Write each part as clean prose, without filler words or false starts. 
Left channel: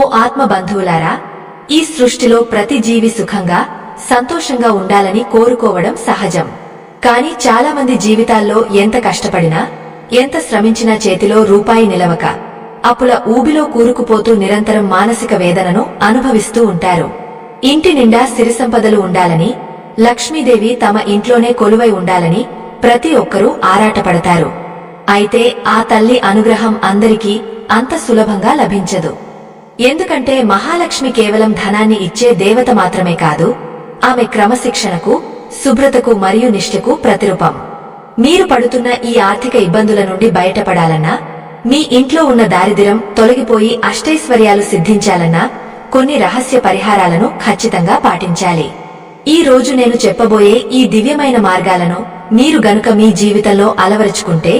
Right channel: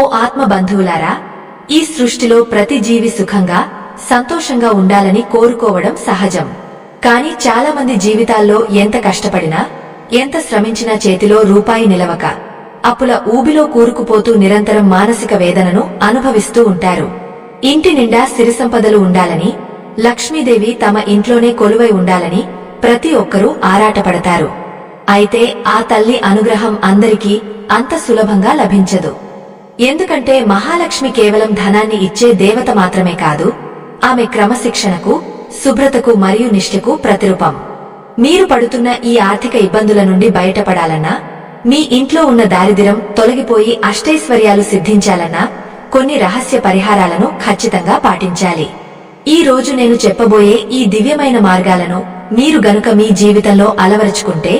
ఓ ఆత్మ బంధువులారా, ఈ సృష్టిలో ప్రతి జీవి సుఖంగా సంతోషంగా ఉండాలని కోరుకోవడం సహజం. కాని చాలామంది జీవితాల్లో ఎంత కష్టపడినా ఎంత శ్రమించినా చేతిలో రూపాయి నిలవక అప్పుల ఊబిలో కూరుకుపోతూ నిరంతరం మానసిక వేదనను అనుభవిస్తూ ఉంటారు. ఇంటి నిండా సిరిసంపదలు ఉండాలని, లక్ష్మీదేవి తమ ఇంట్లోనే కొలువై ఉండాలని ప్రతి ఒక్కరూ ఆరాటపడతారు. అయితే ఆ తల్లి అనుగ్రహం అందరికీ అంత సులభంగా లభించదు. ఎందుకంటే మహాలక్ష్మి కేవలం ధనాన్ని ఇచ్చే దేవత మాత్రమే కాదు, ఆమె క్రమశిక్షణకు, శుభ్రతకు మరియు నిష్ఠకు ప్రతిరూపం. మీరు పడుతున్న ఈ ఆర్థిక ఇబ్బందుల నుండి బయటపడాలన్నా, మీ ఇంట్లో ఉన్న దారిద్ర్యం తొలగిపోయి అష్టైశ్వర్యాలు సిద్ధించాలన్నా కొన్ని రహస్య పరిహారాలను ఖచ్చితంగా పాటించాలి. ఈ రోజు నేను చెప్పబోయే ఈ దివ్యమైన మార్గాలను మీరు గనుక మీ జీవితంలో అలవరుచుకుంటే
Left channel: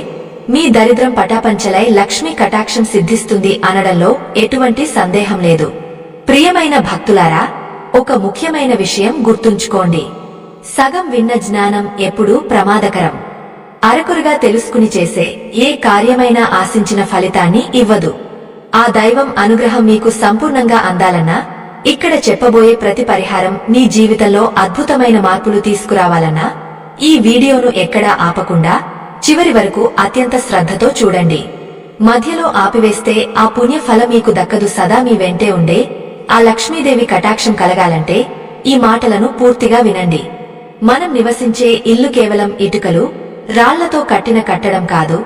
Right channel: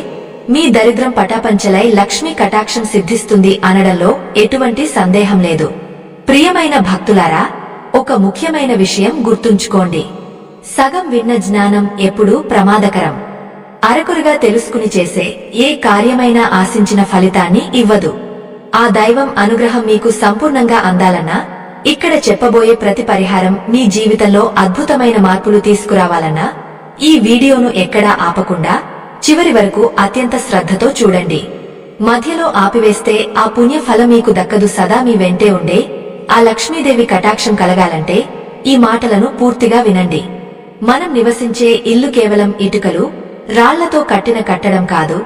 మీ దరిద్రం పటాపంచలై లక్ష్మీ కటాక్షం సిద్ధిస్తుంది అనడంలో ఎటువంటి సందేహం లేదు. ప్రియమైన భక్తులారా, ఒక ముఖ్యమైన విషయం గుర్తుంచుకోండి. సగం విన్న జ్ఞానం ఎప్పుడూ ప్రమాదకరం. అరకొరగా తెలుసుకుని చేసే ఏ కార్యమైనా ఆశించిన ఫలితాన్ని ఇవ్వదు. ఆ దైవం అనుగ్రహం మీకు సంపూర్ణంగా అందాలన్నా, ఇక్కడ చెప్పబోయే ప్రతి పరిహారం మీ జీవితంలో అద్భుతమైన మార్పులు తీసుకురావాలన్నా ఈ వీడియోను ఎక్కడా ఆపకుండా చివరి వరకు అత్యంత శ్రద్ధతో చూడండి. మధ్యలో ఆపివేస్తే ఆ పుణ్య ఫలం మీకు దక్కదు. సదా మీ వెంటే ఉండే ఆ లక్ష్మీదేవి కటాక్షం కలగాలంటే ఈ మాటలను పూర్తిగా వినండి. మనం నివసించే ఇల్లు కేవలం ఇటుకలు, రాళ్లతో కట్టిన కట్టడం కాదు,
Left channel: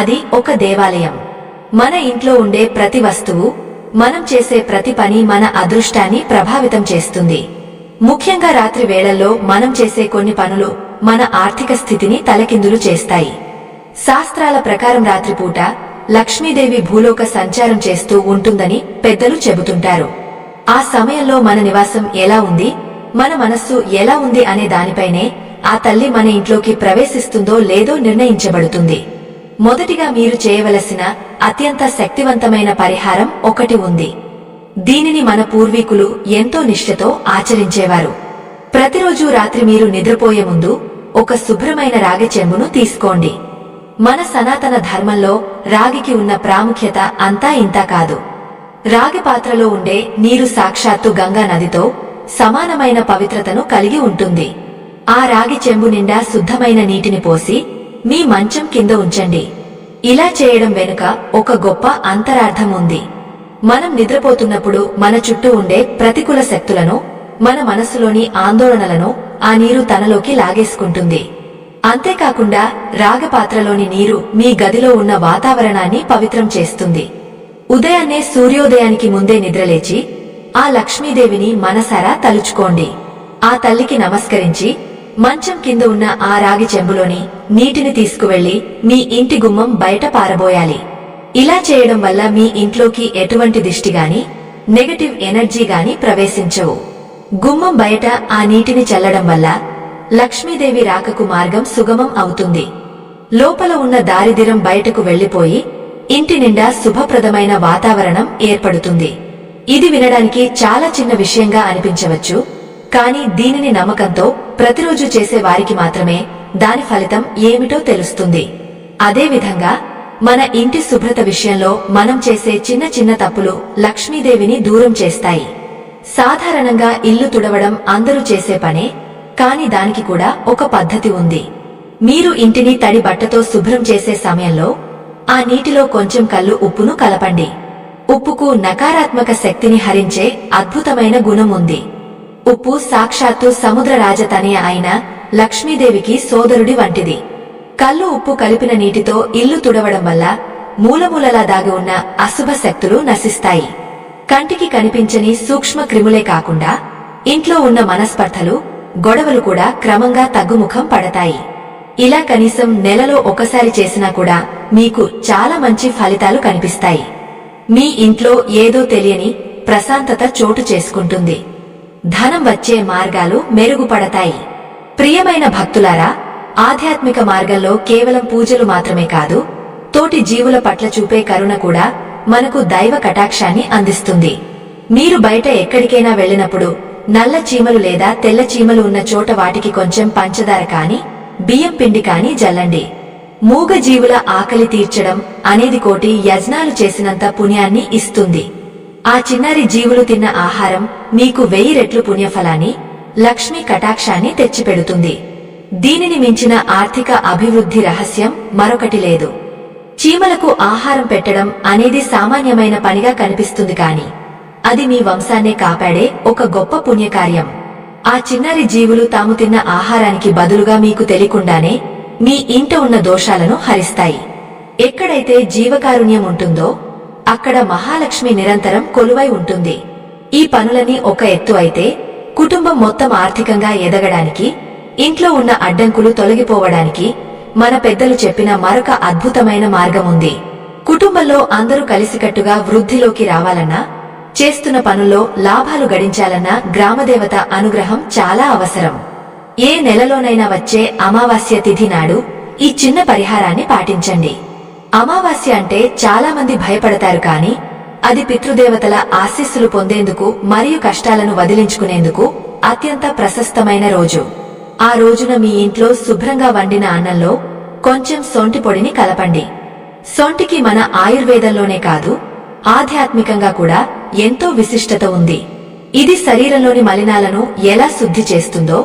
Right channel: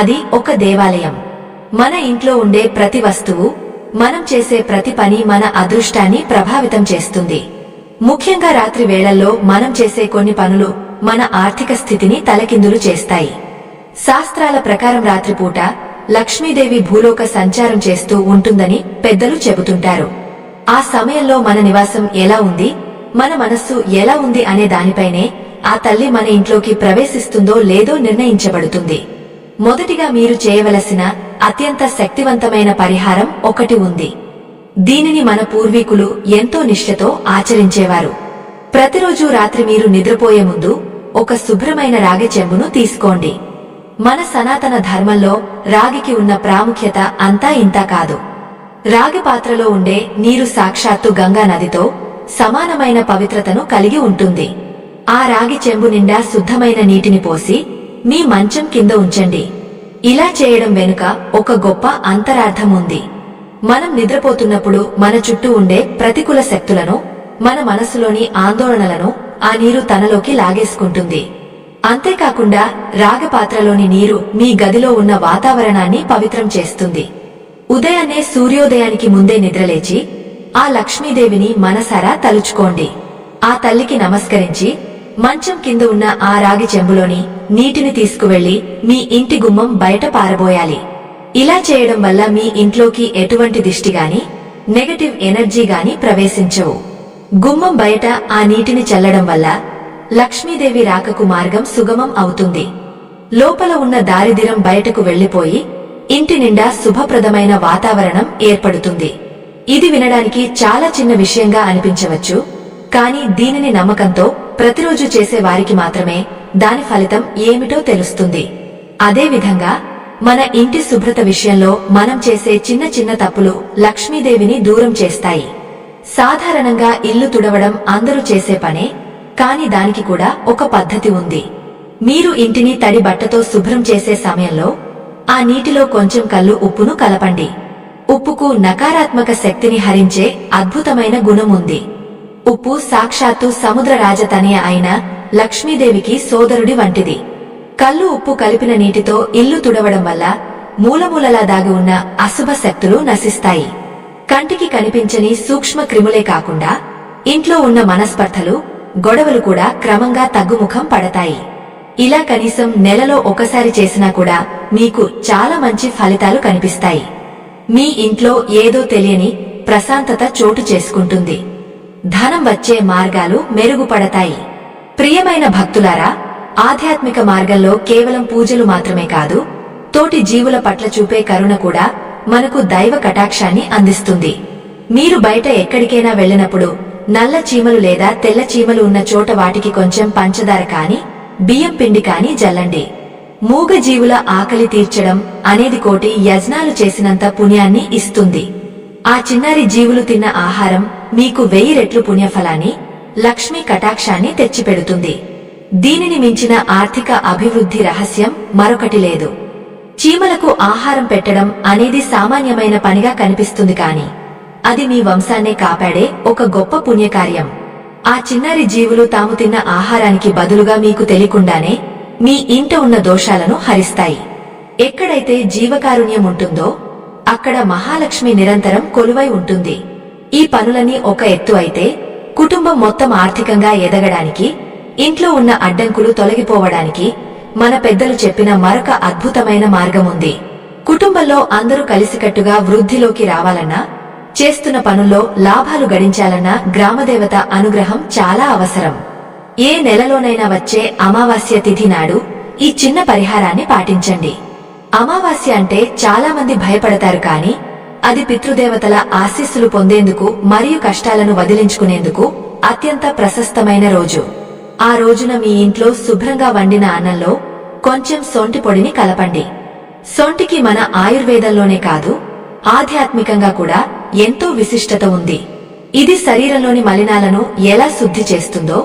అది ఒక దేవాలయం. మన ఇంట్లో ఉండే ప్రతి వస్తువు, మనం చేసే ప్రతి పని మన అదృష్టాన్ని ప్రభావితం చేస్తుంది. ముఖ్యంగా రాత్రి వేళల్లో మనం చేసే కొన్ని పనులు మన ఆర్థిక స్థితిని తలకిందులు చేస్తాయి. శాస్త్రాల ప్రకారం రాత్రిపూట లక్ష్మీదేవి భూలోక సంచారం చేస్తూ ఉంటుందని పెద్దలు చెబుతుంటారు. ఆ సమయంలో మన నివాసం ఎలా ఉంది, మన మనస్సు ఎలా ఉంది అనే దానిపైనే ఆ తల్లి మన ఇంట్లోకి ప్రవేశిస్తుందో లేదో నిర్ణయించబడుతుంది. మొదటిగా మీరు చేయవలసిన అత్యంత శక్తివంతమైన పరిహారం ఒకటి ఉంది. దీనిని మన పూర్వీకులు ఎంతో నిష్ఠతో ఆచరించేవారు. ప్రతిరోజూ రాత్రి మీరు నిద్రపోయే ముందు ఒక శుభ్రమైన రాగి చెంబును తీసుకోండి. మన సనాతన ధర్మంలో రాగికి ఉన్న ప్రాముఖ్యత అంతా ఇంతా కాదు. రాగి పాత్రలో ఉండే నీరు సాక్షాత్తు గంగా నదితో సమానమైన పవిత్రతను కలిగి ఉంటుంది. ఆ రాగి చెంబు నిండా శుద్ధమైన నీటిని పోసి మీ మంచం కింద ఉంచండి. ఇలా చేయడం వెనుక ఒక గొప్ప అంతరార్థం ఉంది. మనం నిద్రపోతున్నప్పుడు మన చుట్టూ ఉండే ప్రతికూల శక్తులను, మన మనస్సులోని ఆందోళనలను ఆ నీరు తనలోకి లాగేసుకుంటుంది. అంతేకాకుండా రాగపాత్రలోని నీరు మీ గదిలో ఉన్న వాతావరణాన్ని పవిత్రం చేస్తుంది. ఉదయాన్నే సూర్యోదయానికి ముందే నిద్రలేచి ఆ లక్ష్మీదేవిని మనసారా తలుచుకోండి. ఆ తల్లికి నమస్కరించి మంచం కింద ఉన్న ఆ రాగి చెంబులోని నీటిని తీసుకువెళ్లి మీ ఇంటి గుమ్మం బయట పారబోయాలి. ఇలా చేయడం వల్ల మీ ఇంట్లోకి ఎటువంటి దిష్టిగాని, నెగటివ్ ఎనర్జీ గాని ప్రవేశించవు. గుమ్మం బయట ఆ నీటిని చల్లడం వల్ల లక్ష్మీదేవి రాకకు మార్గం సుగమం అవుతుంది. లోపల ఉన్న దారిద్ర్యం బయటకు వెళ్లిపోయి ఇంటి నిండా శుభప్రదమైన వాతావరణం ఏర్పడుతుంది. ఇది వినడానికి చాలా చిన్న విషయంగా అనిపించవచ్చు, కానీ దీనిని నమ్మకంతో ప్రతిరోజు చేసే వారికి మాత్రమే దాని ఫలితం ఏమిటో తెలుస్తుంది. అదేవిధంగా మన ఇంటి శుభ్రత విషయంలో మనం చేసే చిన్న చిన్న తప్పులు లక్ష్మీదేవిని దూరం చేస్తాయి. సాధారణంగా ఇల్లు తుడవడం అందరూ చేసే పనే, కాని దానికి కూడా ఒక పద్ధతి ఉంది. మీరు ఇంటిని తడి బట్టతో శుభ్రం చేసే సమయంలో ఆ నీటిలో కొంచెం కల్లు ఉప్పును కలపండి. ఉప్పుకు నకారాత్మక శక్తిని హరించే అద్భుతమైన గుణం ఉంది. ఉప్పు సాక్షాత్తు సముద్ర రాజతనయ అయిన లక్ష్మీదేవికి సోదరుడి వంటిది. కల్లు ఉప్పు కలిపిన నీటితో ఇల్లు తుడవడం వల్ల మూలమూలలా దాగి ఉన్న అశుభ శక్తులు నశిస్తాయి. కంటికి కనిపించని సూక్ష్మ క్రిములే కాకుండా ఇంట్లో ఉన్న మనస్పర్ధలు, గొడవలు కూడా క్రమంగా తగ్గుముఖం పడతాయి. ఇలా కనీసం నెలలో ఒకసారి చేసినా కూడా మీకు చాలా మంచి ఫలితాలు కనిపిస్తాయి. మీ ఇంట్లో ఏదో తెలియని ప్రశాంతత చోటు చేసుకుంటుంది. ధనం వచ్చే మార్గాలు మెరుగుపడతాయి. ప్రియమైన భక్తులారా, ఆధ్యాత్మిక మార్గంలో కేవలం పూజలు మాత్రమే కాదు, తోటి జీవుల పట్ల చూపే కరుణ కూడా మనకు దైవ కటాక్షాన్ని అందిస్తుంది. మీరు బయట ఎక్కడికైనా వెళ్లినప్పుడు నల్ల చీమలు లేదా తెల్ల చీమలు ఉన్న చోట వాటికి కొంచెం పంచదార కాని, బియ్యం పిండి కాని జల్లండి. మూగ జీవుల ఆకలి తీర్చడం అనేది కోటి యజ్ఞాలు చేసినంత పుణ్యాన్ని ఇస్తుంది. ఆ చిన్నారి జీవులు తిన్న ఆహారం మీకు 1000 రెట్లు పుణ్యఫలాన్ని, లక్ష్మీ కటాక్షాన్ని తెచ్చిపెడుతుంది. దీనిని మించిన ఆర్థిక అభివృద్ధి రహస్యం మరొకటి లేదు. చీమలకు ఆహారం పెట్టడం అనేది సామాన్యమైన పనిగా కనిపిస్తుంది కాని అది మీ వంశాన్నే కాపాడే ఒక గొప్ప పుణ్యకార్యం. ఆ చిన్నారి జీవులు తాము తిన్న ఆహారానికి బదులుగా మీకు తెలియకుండానే మీ ఇంట ఉన్న దోషాలను హరిస్తాయి. ఎక్కడైతే జీవకారుణ్యం ఉంటుందో అక్కడ మహాలక్ష్మి నిరంతరం కొలువై ఉంటుంది. ఈ పనులన్నీ ఒక ఎత్తు అయితే, కుటుంబం మొత్తం ఆర్థికంగా ఎదగడానికి, ఇంట్లో ఉన్న అడ్డంకులు తొలగిపోవడానికి మన పెద్దలు చెప్పిన మరొక అద్భుతమైన మార్గముంది. కుటుంబంలో అందరూ కలిసికట్టుగా వృద్ధిలోకి రావాలన్నా, చేస్తున్న పనుల్లో లాభాలు గడించాలన్నా గ్రామదేవత అనుగ్రహం చాలా అవసరం. ఏ నెలలోనైనా వచ్చే అమావాస్య తిథి నాడు ఈ చిన్న పరిహారాన్ని పాటించండి. అమావాస్య అంటే చాలా మంది భయపడతారు కాని అది పితృదేవతల ఆశీస్సులు పొందేందుకు మరియు కష్టాలను వదిలించుకునేందుకు అత్యంత ప్రశస్తమైన రోజు. ఆ రోజున మీ ఇంట్లో శుభ్రంగా వండిన అన్నంలో కొంచెం సొంటి పొడిని కలపండి. సొంటికి మన ఆయుర్వేదంలోనే కాదు, ఆధ్యాత్మికంగా కూడా ఎంతో విశిష్టత ఉంది. ఇది శరీరంలోని మలినాలను ఎలా శుద్ధి చేస్తుందో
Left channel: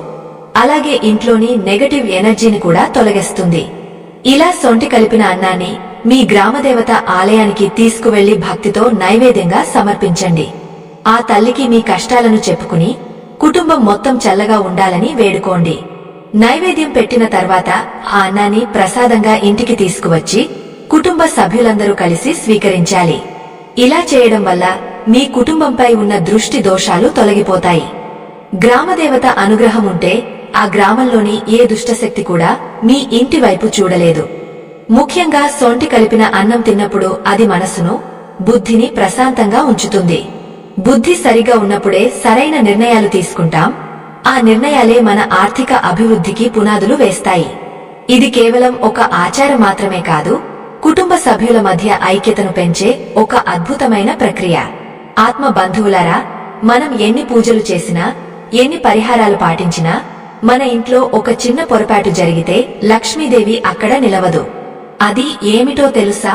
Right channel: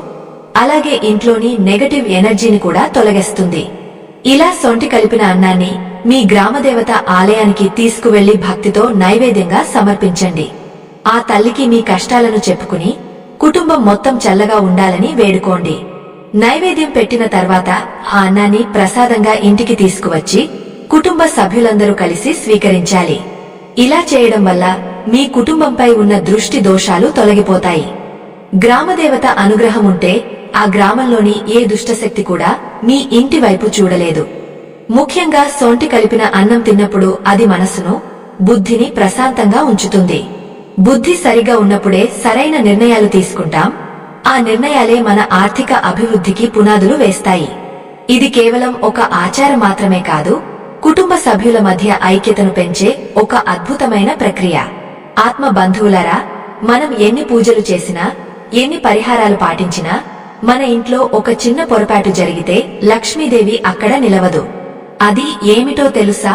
అలాగే ఇంట్లోని నెగటివ్ ఎనర్జీని కూడా తొలగిస్తుంది. ఇలా సొంటి కలిపిన అన్నాన్ని మీ గ్రామదేవత ఆలయానికి తీసుకువెళ్లి భక్తితో నైవేద్యంగా సమర్పించండి. ఆ తల్లికి మీ కష్టాలను చెప్పుకుని కుటుంబం మొత్తం చల్లగా ఉండాలని వేడుకోండి. నైవేద్యం పెట్టిన తర్వాత ఆ అన్నాన్ని ప్రసాదంగా ఇంటికి తీసుకువచ్చి కుటుంబ సభ్యులందరూ కలిసి స్వీకరించాలి. ఇలా చేయడం వల్ల మీ కుటుంబంపై ఉన్న దృష్టి దోషాలు తొలగిపోతాయి. గ్రామదేవత అనుగ్రహం ఉంటే ఆ గ్రామంలోని ఏ దుష్టశక్తి కూడా మీ ఇంటి వైపు చూడలేదు. ముఖ్యంగా సొంటి కలిపిన అన్నం తిన్నప్పుడు అది మనసును, బుద్ధిని ప్రశాంతంగా ఉంచుతుంది. బుద్ధి సరిగా ఉన్నప్పుడే సరైన నిర్ణయాలు తీసుకుంటాం. ఆ నిర్ణయాలే మన ఆర్థిక అభివృద్ధికి పునాదులు వేస్తాయి. ఇది కేవలం ఒక ఆచారం మాత్రమే కాదు, కుటుంబ సభ్యుల మధ్య ఐక్యతను పెంచే ఒక అద్భుతమైన ప్రక్రియ. ఆత్మ బంధువులారా, మనం ఎన్ని పూజలు చేసినా, ఎన్ని పరిహారాలు పాటించినా మన ఇంట్లో ఒక చిన్న పొరపాటు జరిగితే లక్ష్మీదేవి అక్కడ నిలవదు. అది ఏమిటో తెలుసా?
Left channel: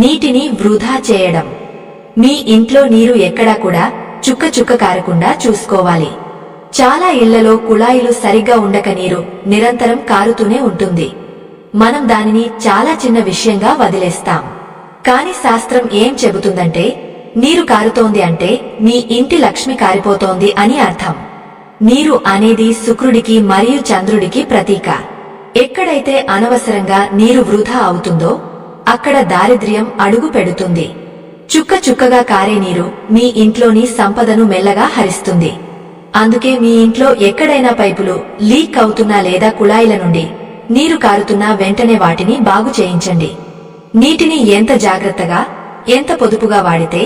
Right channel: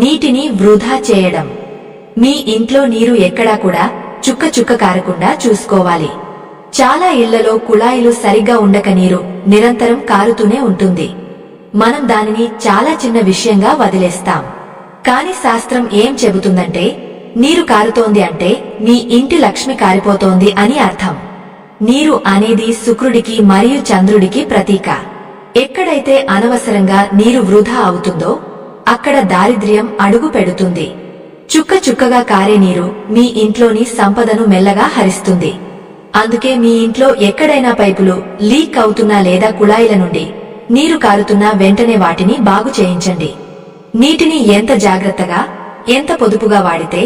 నీటిని వృధా చేయడం. మీ ఇంట్లో నీరు ఎక్కడా కూడా చుక్క చుక్క కారకుండా చూసుకోవాలి. చాలా ఇళ్లలో కుళాయిలు సరిగ్గా ఉండక నీరు నిరంతరం కారుతూనే ఉంటుంది. మనం దానిని చాలా చిన్న విషయంగా వదిలేస్తాం. కాని శాస్త్రం ఏం చెబుతుందంటే, నీరు కారుతోంది అంటే మీ ఇంటి లక్ష్మి కారిపోతోంది అని అర్థం. నీరు అనేది శుక్రుడికి మరియు చంద్రుడికి ప్రతీక. ఎక్కడైతే అనవసరంగా నీరు వృధా అవుతుందో అక్కడ దారిద్ర్యం అడుగు పెడుతుంది. చుక్క చుక్కగా కారే నీరు మీ ఇంట్లోని సంపదను మెల్లగా హరిస్తుంది. అందుకే మీ ఇంట్లో ఎక్కడైనా పైపులు లీక్ అవుతున్నా లేదా కుళాయిల నుండి నీరు కారుతున్నా వెంటనే వాటిని బాగు చేయించండి. నీటిని ఎంత జాగ్రత్తగా, ఎంత పొదుపుగా వాడితే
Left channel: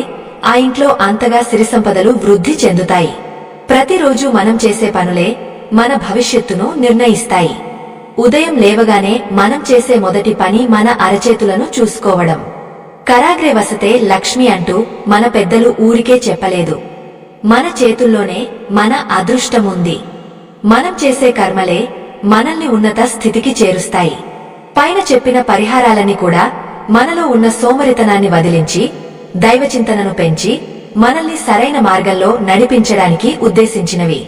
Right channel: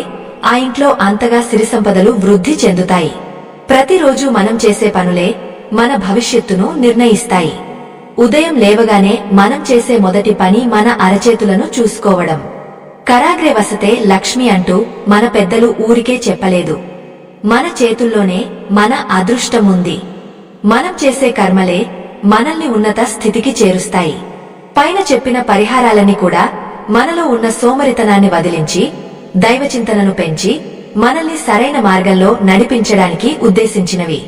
ఆ ఇంట్లో అంతగా సిరిసంపదలు వృద్ధి చెందుతాయి. ప్రతిరోజు మనం చేసే పనులే మన భవిష్యత్తును నిర్ణయిస్తాయి. ఉదయం లేవగానే మనం చేసే మొదటి పని మన అరచేతులను చూసుకోవడం. కరాగ్రే వసతే లక్ష్మి అంటూ మన పెద్దలు ఊరికే చెప్పలేదు. మన చేతుల్లోనే మన అదృష్టముంది. మనం చేసే కర్మలే మనల్ని ఉన్నత స్థితికి చేరుస్తాయి. పైన చెప్పిన పరిహారాలన్నీ కూడా మనలో ఉన్న సోమరితనాన్ని వదిలించి, దైవచింతనను పెంచి మనల్ని సరైన మార్గంలో నడిపించడానికి ఉద్దేశించినవి.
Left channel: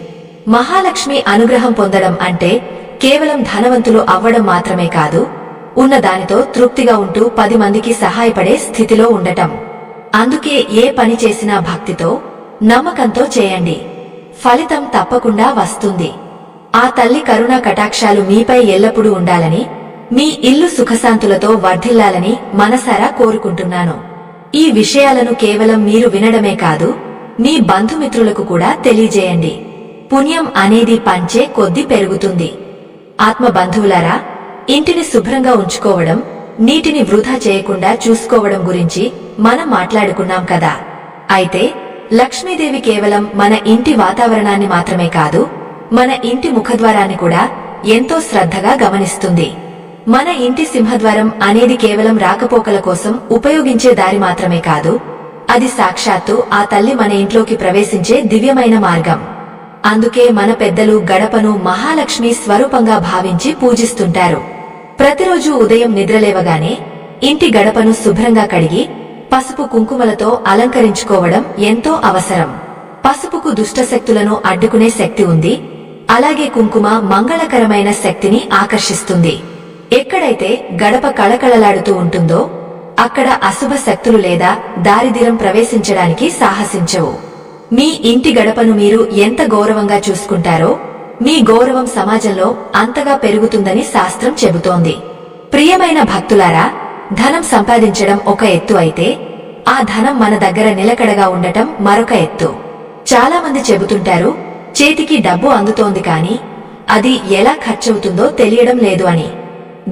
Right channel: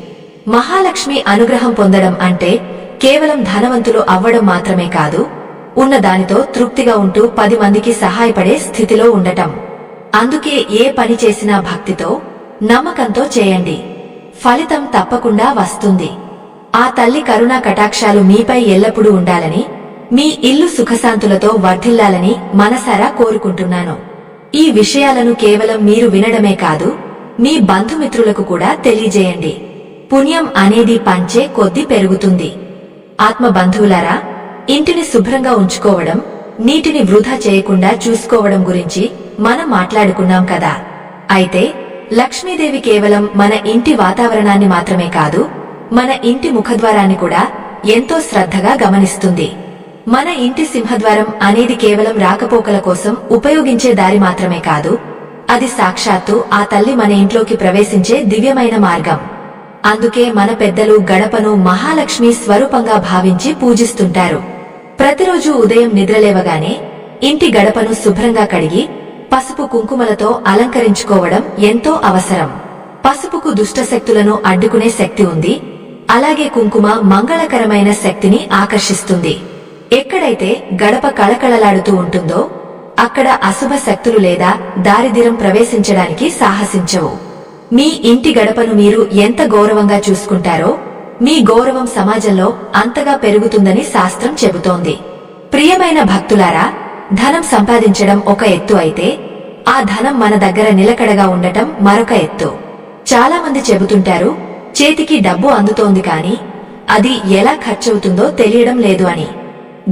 మహాలక్ష్మి అనుగ్రహం పొందడం అంటే కేవలం ధనవంతులు అవ్వడం మాత్రమే కాదు, ఉన్న దానితో తృప్తిగా ఉంటూ 10 మందికి సహాయపడే స్థితిలో ఉండటం. అందుకే ఏ పని చేసినా భక్తితో, నమ్మకంతో చేయండి. ఫలితం తప్పకుండా వస్తుంది. ఆ తల్లి కరుణా కటాక్షాలు మీపై ఎల్లప్పుడూ ఉండాలని, మీ ఇల్లు సుఖశాంతులతో వర్ధిల్లాలని మనసారా కోరుకుంటున్నాను. ఈ విషయాలను కేవలం మీరు వినడమే కాదు, మీ బంధుమిత్రులకు కూడా తెలియజేయండి. పుణ్యం అనేది పంచే కొద్దీ పెరుగుతుంది. ఆత్మ బంధువులారా, ఇంటిని శుభ్రంగా ఉంచుకోవడం, నీటిని వృధా చేయకుండా చూసుకోవడం గురించి మనం మాట్లాడుకున్నాం కదా. అయితే లక్ష్మీదేవి కేవలం మన ఇంటి వాతావరణాన్ని మాత్రమే కాదు, మన ఇంటి ముఖద్వారాన్ని కూడా ఎంతో శ్రద్ధగా గమనిస్తుంది. మన ఇంటి సింహద్వారం అనేది కేవలం రాకపోకల కోసం ఉపయోగించే దారి మాత్రమే కాదు, అది సాక్షాత్తు ఆ తల్లి మన ఇంట్లోకి ప్రవేశించే దివ్యమైన మార్గం. అందుకే మన పెద్దలు గడపను మహాలక్ష్మి స్వరూపంగా భావించి పూజిస్తుంటారు. ప్రతిరోజు ఉదయం నిద్రలేవగానే ఇంటి గడపను శుభ్రంగా కడిగి పసుపు కుంకుమలతో అలంకరించుకోవడం ఎంతో అవసరం. పసుపుకు దుష్టశక్తులను అడ్డుకునే శక్తి ఉంది. అలాగే కుంకుమ మంగళకరమైన శక్తిని ఆకర్షిస్తుంది. ఎక్కడైతే గడప కళకళలాడుతూ ఉంటుందో అక్కడ అశుభ శక్తులు లేదా దారిద్ర్యం ప్రవేశించడానికి సాహసించవు. మీ ఇంటి గడపను మీరు ఎంత గౌరవంగా చూసుకుంటారో మీ గౌరవం సమాజంలో అంతగా పెరుగుతుందని శాస్త్రం చెబుతోంది. ప్రియమైన భక్తులారా, ధనం సంపాదించడం ఒక ఎత్తు అయితే ఆ ధనం మన దగ్గర నిలకడగా ఉండటం మరొక ఎత్తు. చాలా మంది చెబుతుంటారు, చేతికి డబ్బు అందుతోంది కాని అది ఎలా ఖర్చవుతుందో తెలియడం లేదు అని.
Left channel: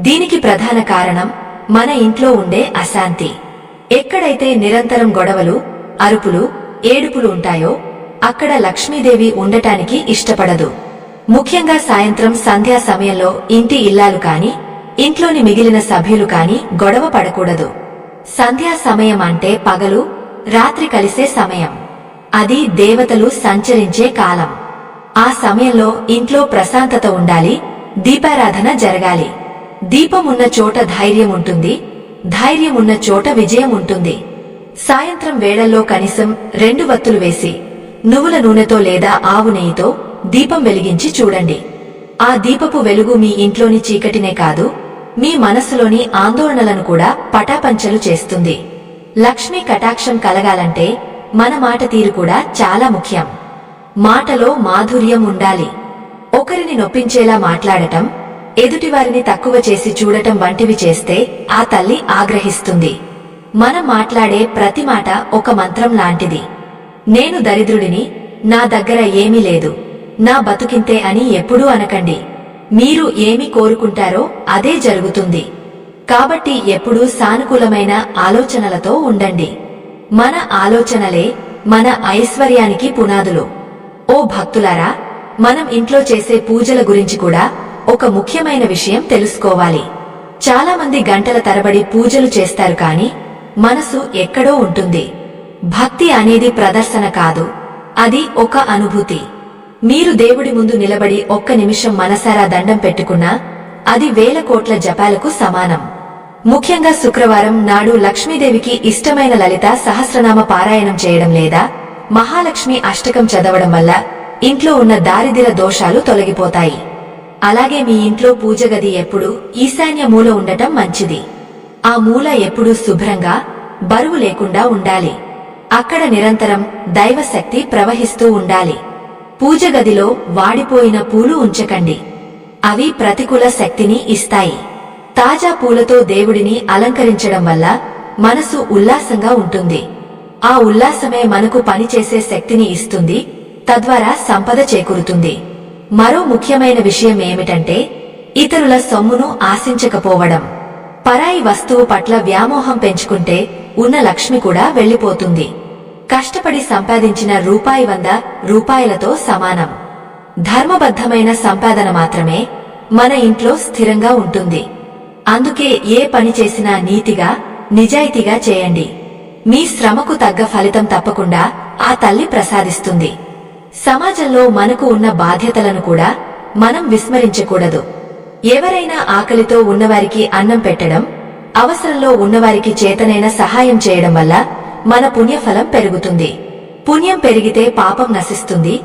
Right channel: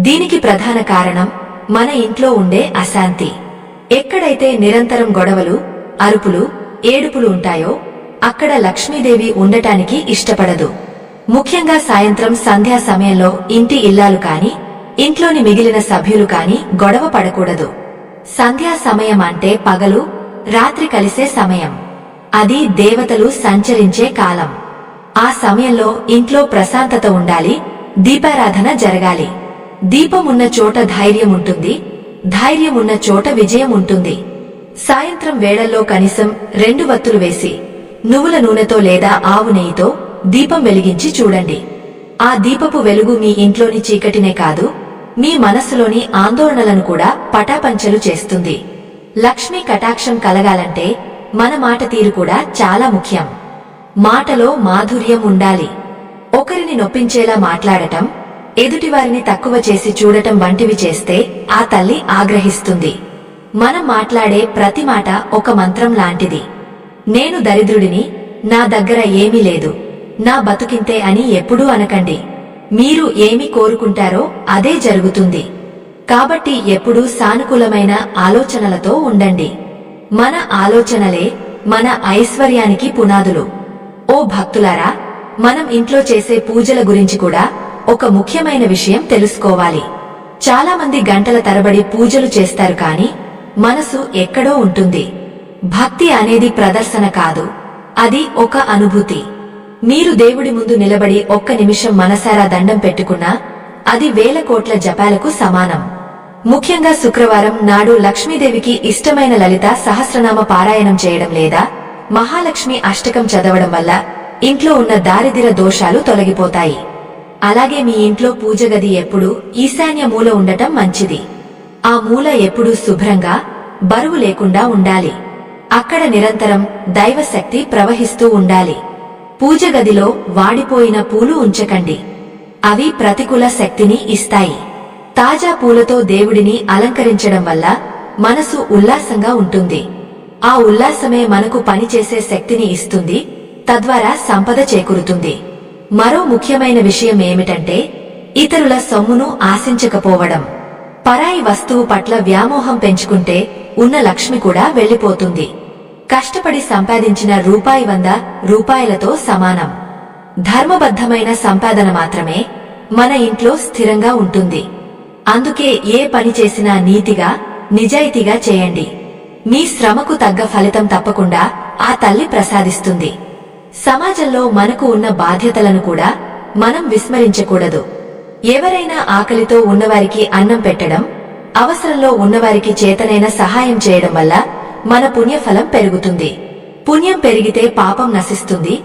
దీనికి ప్రధాన కారణం మన ఇంట్లో ఉండే అశాంతి. ఎక్కడైతే నిరంతరం గొడవలు, అరుపులు, ఏడుపులు ఉంటాయో అక్కడ లక్ష్మీదేవి ఉండటానికి ఇష్టపడదు. ముఖ్యంగా సాయంత్రం సంధ్యా సమయంలో ఇంటి ఇల్లాలు కాని ఇంట్లోని మిగిలిన సభ్యులు కాని గొడవ పడకూడదు. సంధ్యా సమయం అంటే పగలు రాత్రి కలిసే సమయం. అది దేవతలు సంచరించే కాలం. ఆ సమయంలో ఇంట్లో ప్రశాంతత ఉండాలి, దీపారాధన జరగాలి. దీపం ఉన్న చోట ధైర్యం ఉంటుంది, ధైర్యం ఉన్న చోట విజయం ఉంటుంది. సాయంత్రం వేళల్లో కనీసం 2 వత్తులు వేసి నువ్వుల నూనెతో లేదా ఆవు నెయ్యితో దీపం వెలిగించి చూడండి. ఆ దీపపు వెలుగు మీ ఇంట్లోని చీకటినే కాదు, మీ మనస్సులోని ఆందోళనలను కూడా పటాపంచలు చేస్తుంది. లక్ష్మీ కటాక్షం కలగాలంటే మన మాట తీరు కూడా చాలా ముఖ్యం. మాటలో మాధుర్యం ఉండాలి. ఒకరిని నొప్పించేలా మాట్లాడటం, ఎదుటివారిని తక్కువ చేసి చూడటం వంటివి చేస్తే ఆ తల్లి ఆగ్రహిస్తుంది. మనం మాట్లాడే ప్రతి మాట ఒక మంత్రం లాంటిది. నేను దరిద్రుడిని, నా దగ్గర ఏమీ లేదు, నా బతుకింతే అని ఎప్పుడూ అనకండి. మీరు ఏమి కోరుకుంటారో అదే జరుగుతుంది. కాబట్టి ఎప్పుడూ సానుకూలమైన ఆలోచనలతో ఉండండి. మన ఆలోచనలే మన ఐశ్వర్యానికి పునాదులు. ఓ భక్తులారా, మనం ఇంట్లో చేసే పూజల గురించి కూడా ఒక ముఖ్యమైన విషయం తెలుసుకోవాలి. చాలా మంది గంటల తరబడి పూజలు చేస్తారు కాని మనసు ఎక్కడో ఉంటుంది. భక్తి అనేది ప్రదర్శన కాదు, అది ఒక అనుభూతి. మీరు దేవుడి ముందు నిలబడి ఒక్క నిమిషం మనసారా దండం పెట్టుకున్నా అది 1000 కోట్ల జపాలకు సమానం. ముఖ్యంగా శుక్రవారం నాడు లక్ష్మీదేవికి ఇష్టమైన లలిత సహస్రనామ పారాయణం చేయడం లేదా మహాలక్ష్మి అష్టకం చదవడం వల్ల ఇంట్లో ఉన్న దారిద్ర్య దోషాలు తొలగిపోతాయి. అలాగే మీ ఇంట్లో పూజగది ఎప్పుడూ ఈశాన్య మూల ఉండటం మంచిది. ఆ మూల ఎప్పుడూ శుభ్రంగా, బరువు లేకుండా ఉండాలి. అక్కడ నిరంతరం దైవశక్తి ప్రవహిస్తూ ఉండాలి. పూజగదిలో వాడిపోయిన పూలు ఉంచకండి, అవి ప్రతికూల శక్తిని ఇస్తాయి. తాజా పూలతో దేవుడిని అలంకరించడం వల్ల మనసు ఉల్లాసంగా ఉంటుంది. ఆ ఉల్లాసమే మనకు పనిచేసే శక్తిని ఇస్తుంది, తద్వారా సంపద చేకూరుతుంది. మరో ముఖ్యమైన విషయం ఏమిటంటే ఇతరుల సొమ్మును ఆశించకపోవడం. పరాయి వస్తువు పట్ల వ్యామోహం పెంచుకుంటే ఉన్న లక్ష్మి కూడా వెళ్లిపోతుంది. కష్టపడి సంపాదించిన రూపాయి 100 రూపాయలతో సమానం. ధర్మబద్ధమైన సంపాదన మాత్రమే మన ఇంట్లో స్థిరంగా ఉంటుంది. అందుకే ఏ పని చేసినా నీతిగా, నిజాయితీగా చేయండి. మీ శ్రమకు తగ్గ ఫలితం తప్పకుండా ఆ తల్లి ప్రసాదిస్తుంది. సమాజంలో మనకు ఉన్న బాధ్యతలను కూడా మనం విస్మరించకూడదు. ఎవరైనా ఆకలితో ఉన్నవారికి అన్నం పెట్టడం, అవసరంలో ఉన్నవారికి చేతనైన సహాయం చేయడం వల్ల మన పుణ్యఫలం పెరుగుతుంది. పుణ్యం పెరిగితే పాపం నశిస్తుంది,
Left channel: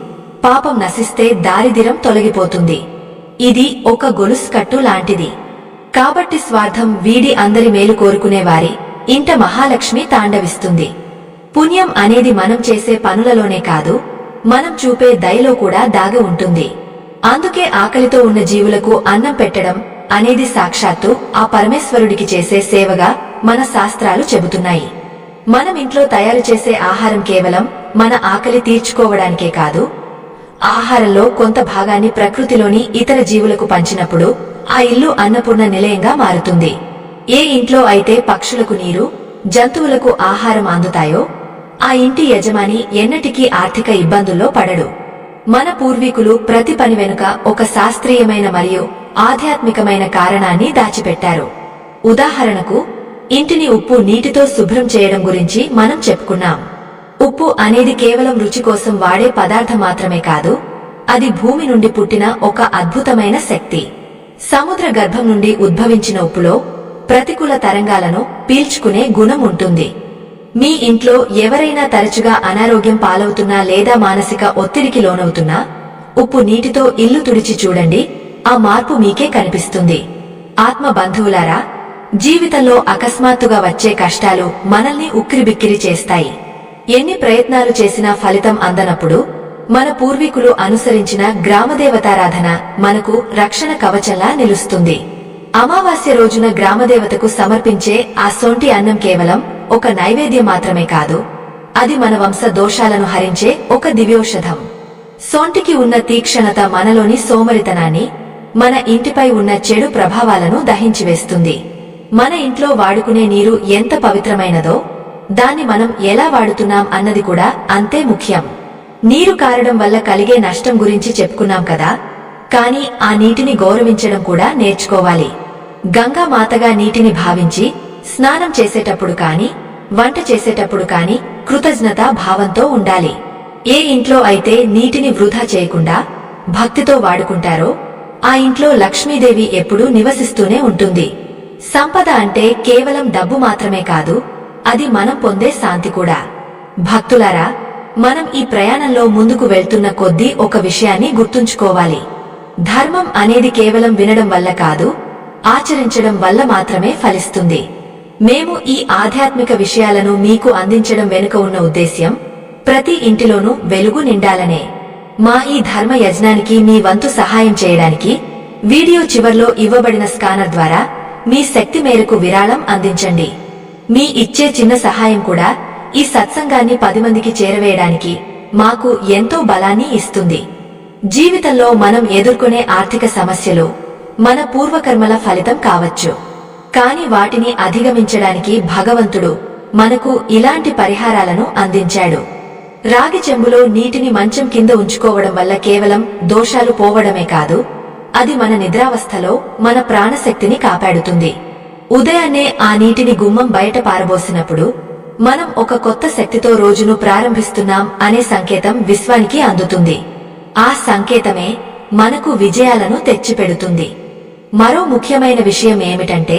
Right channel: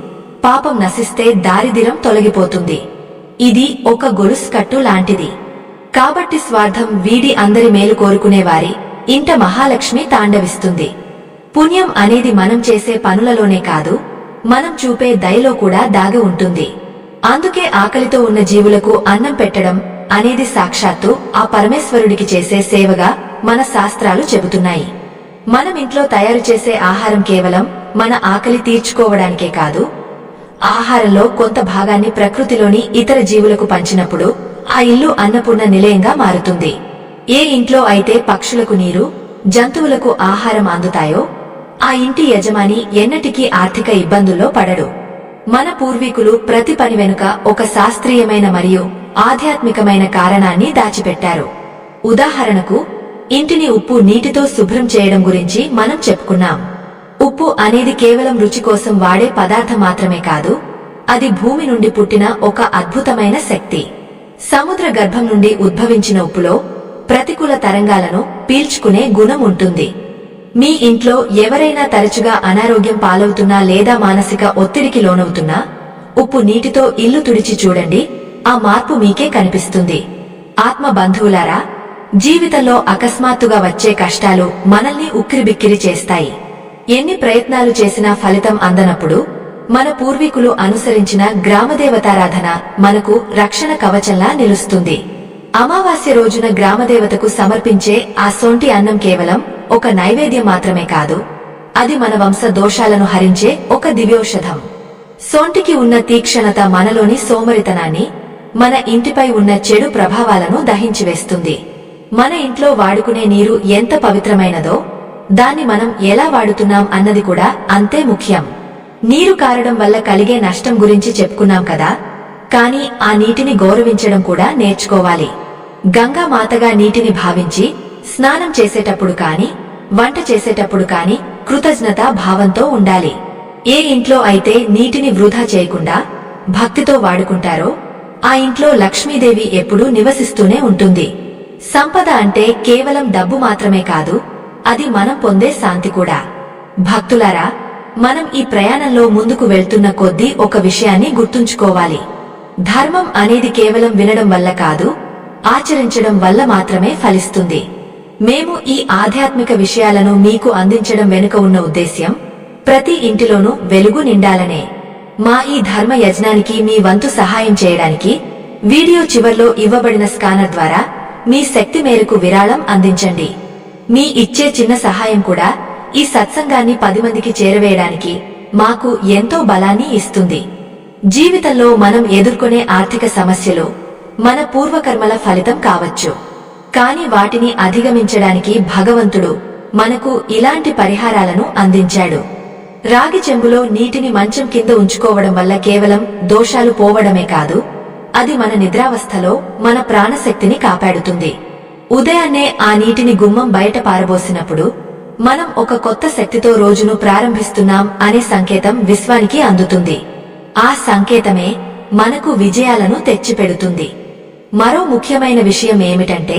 పాపం నశిస్తే దారిద్ర్యం తొలగిపోతుంది. ఇది ఒక గొలుసు కట్టు లాంటిది. కాబట్టి స్వార్థం వీడి అందరి మేలు కోరుకునేవారి ఇంట మహాలక్ష్మి తాండవిస్తుంది. పుణ్యం అనేది మనం చేసే పనులలోనే కాదు, మనం చూపే దయలో కూడా దాగి ఉంటుంది. అందుకే ఆకలితో ఉన్న జీవులకు అన్నం పెట్టడం అనేది సాక్షాత్తు ఆ పరమేశ్వరుడికి చేసే సేవగా మన శాస్త్రాలు చెబుతున్నాయి. మనం ఇంట్లో తయారు చేసే ఆహారం కేవలం మన ఆకలి తీర్చుకోవడానికే కాదు, ఆహారంలో కొంత భాగాన్ని ప్రకృతిలోని ఇతర జీవులకు పంచినప్పుడు ఆ ఇల్లు అన్నపూర్ణ నిలయంగా మారుతుంది. ఏ ఇంట్లో అయితే పక్షులకు నీరు, జంతువులకు ఆహారం అందుతాయో ఆ ఇంటి యజమాని ఎన్నటికీ ఆర్థిక ఇబ్బందుల్లో పడడు. మన పూర్వీకులు ప్రతి పని వెనుక ఒక శాస్త్రీయమైన మరియు ఆధ్యాత్మికమైన కారణాన్ని దాచిపెట్టారు. ఉదాహరణకు, ఇంటిని ఉప్పు నీటితో శుభ్రం చేయడం గురించి మనం చెప్పుకున్నాం. ఉప్పు అనేది కేవలం రుచి కోసం వాడే పదార్థం మాత్రమే కాదు, అది భూమి నుండి పుట్టిన ఒక అద్భుతమైన శక్తి. సముద్ర గర్భం నుండి ఉద్భవించిన ఉప్పులో ప్రతికూల తరంగాలను పీల్చుకునే గుణం ఉంటుంది. మీ ఇంట్లో ఎవరైనా తరచుగా అనారోగ్యం పాలవుతున్నా లేదా మానసిక ఒత్తిడికి లోనవుతున్నా ఉప్పు నీటితో ఇల్లు తుడిచి చూడండి, ఆ మార్పు మీకే కనిపిస్తుంది. ఆత్మ బంధువులారా, జీవితంలో అకస్మాత్తుగా వచ్చే కష్టాలు మనల్ని ఉక్కిరిబిక్కిరి చేస్తాయి. ఎన్ని ప్రయత్నాలు చేసినా ఫలితం అందనప్పుడు మన పూర్వీకులు అనుసరించిన గ్రామదేవతారాధన మనకు రక్షణ కవచంలా నిలుస్తుంది. అమావాస్య రోజున గ్రామదేవతకు సమర్పించే ఆ సొంటి అన్నం కేవలం ఒక నైవేద్యం మాత్రమే కాదు, అది మన వంశ దోషాలను హరించే ఒక దివ్యౌషధం. సొంటికి ఉన్న తీక్షణత మనలోని సోమరితనాన్ని, మన ఇంటిపై ఉన్న చెడు ప్రభావాలను దహించివేస్తుంది. మన ఇంట్లో వాడుకునే నీరు ఎంత పవిత్రమైనదో దాన్ని మనం ఎలా వాడుతున్నాం అన్నది కూడా అంతే ముఖ్యం. నీరు కారడం వల్ల కలిగే నష్టం గురించి చెప్పుకున్నాం కదా, కానీ ఆ నీటిని గౌరవించడం కూడా నేర్చుకోవాలి. గంగా మాతగా నీటిని భావించి స్నానం చేసేటప్పుడు కాని, వంట చేసేటప్పుడు కాని కృతజ్ఞతా భావంతో ఉండాలి. ఏ ఇంట్లో అయితే నీటిని వృధా చేయకుండా భక్తితో వాడుకుంటారో ఆ ఇంట్లో లక్ష్మీదేవి ఎప్పుడూ నివసిస్తూనే ఉంటుంది. సంపద అంటే కేవలం డబ్బు మాత్రమే కాదు, అది మనం పొందే శాంతి కూడా. భక్తులారా, మనం ఈ ప్రయాణంలో ముందుకు వెళ్తున్న కొద్దీ ఒక విషయాన్ని గుర్తుంచుకోవాలి. ధర్మం అనేది కేవలం వినడం వల్ల కాదు, ఆచరించడం వల్ల మాత్రమే ఫలిస్తుంది. మేము ఈ ఆధ్యాత్మిక విషయాలను మీకు అందించడం వెనుక ఉన్న ఉద్దేశ్యం ప్రతి ఇంటిలోనూ వెలుగు నిండాలనే. మా ఈ ధర్మ యజ్ఞానికి మీ వంతు సహాయం చేయడానికి వీడియో చివర్లో ఇవ్వబడిన స్కానర్ ద్వారా మీ శక్తి మేరకు విరాళం అందించండి. మీ ఇచ్చే చిన్న సహాయం కూడా ఈ సత్సంగాన్ని 10 మందికి చేరవేయడానికి మాకు ఎంతో బలాన్ని ఇస్తుంది. జీవితంలో మనం ఎదుర్కొనే ఆర్థిక సమస్యలు మన పూర్వకర్మల ఫలితం కావచ్చు, కాని వాటిని అధిగమించడానికి భగవంతుడు మనకు ఇలాంటి పరిహారాలను అందించాడు. రాగి చెంబులో నీటిని మంచం కింద ఉంచుకోవడం వల్ల కేవలం దోషాలు పోవడమే కాదు, అది మన నిద్రావస్థలో మన ప్రాణశక్తిని కాపాడుతుంది. ఉదయాన్నే ఆ నీటిని గుమ్మం బయట పారబోసినప్పుడు మనం ఒక కొత్త శక్తితో రోజును ప్రారంభిస్తున్నాం అనే సంకేతం విశ్వానికి అందుతుంది. ఆ సంకేతమే మనకు విజయాలను తెచ్చిపెడుతుంది. మరో ముఖ్యమైన విషయం ఏమిటంటే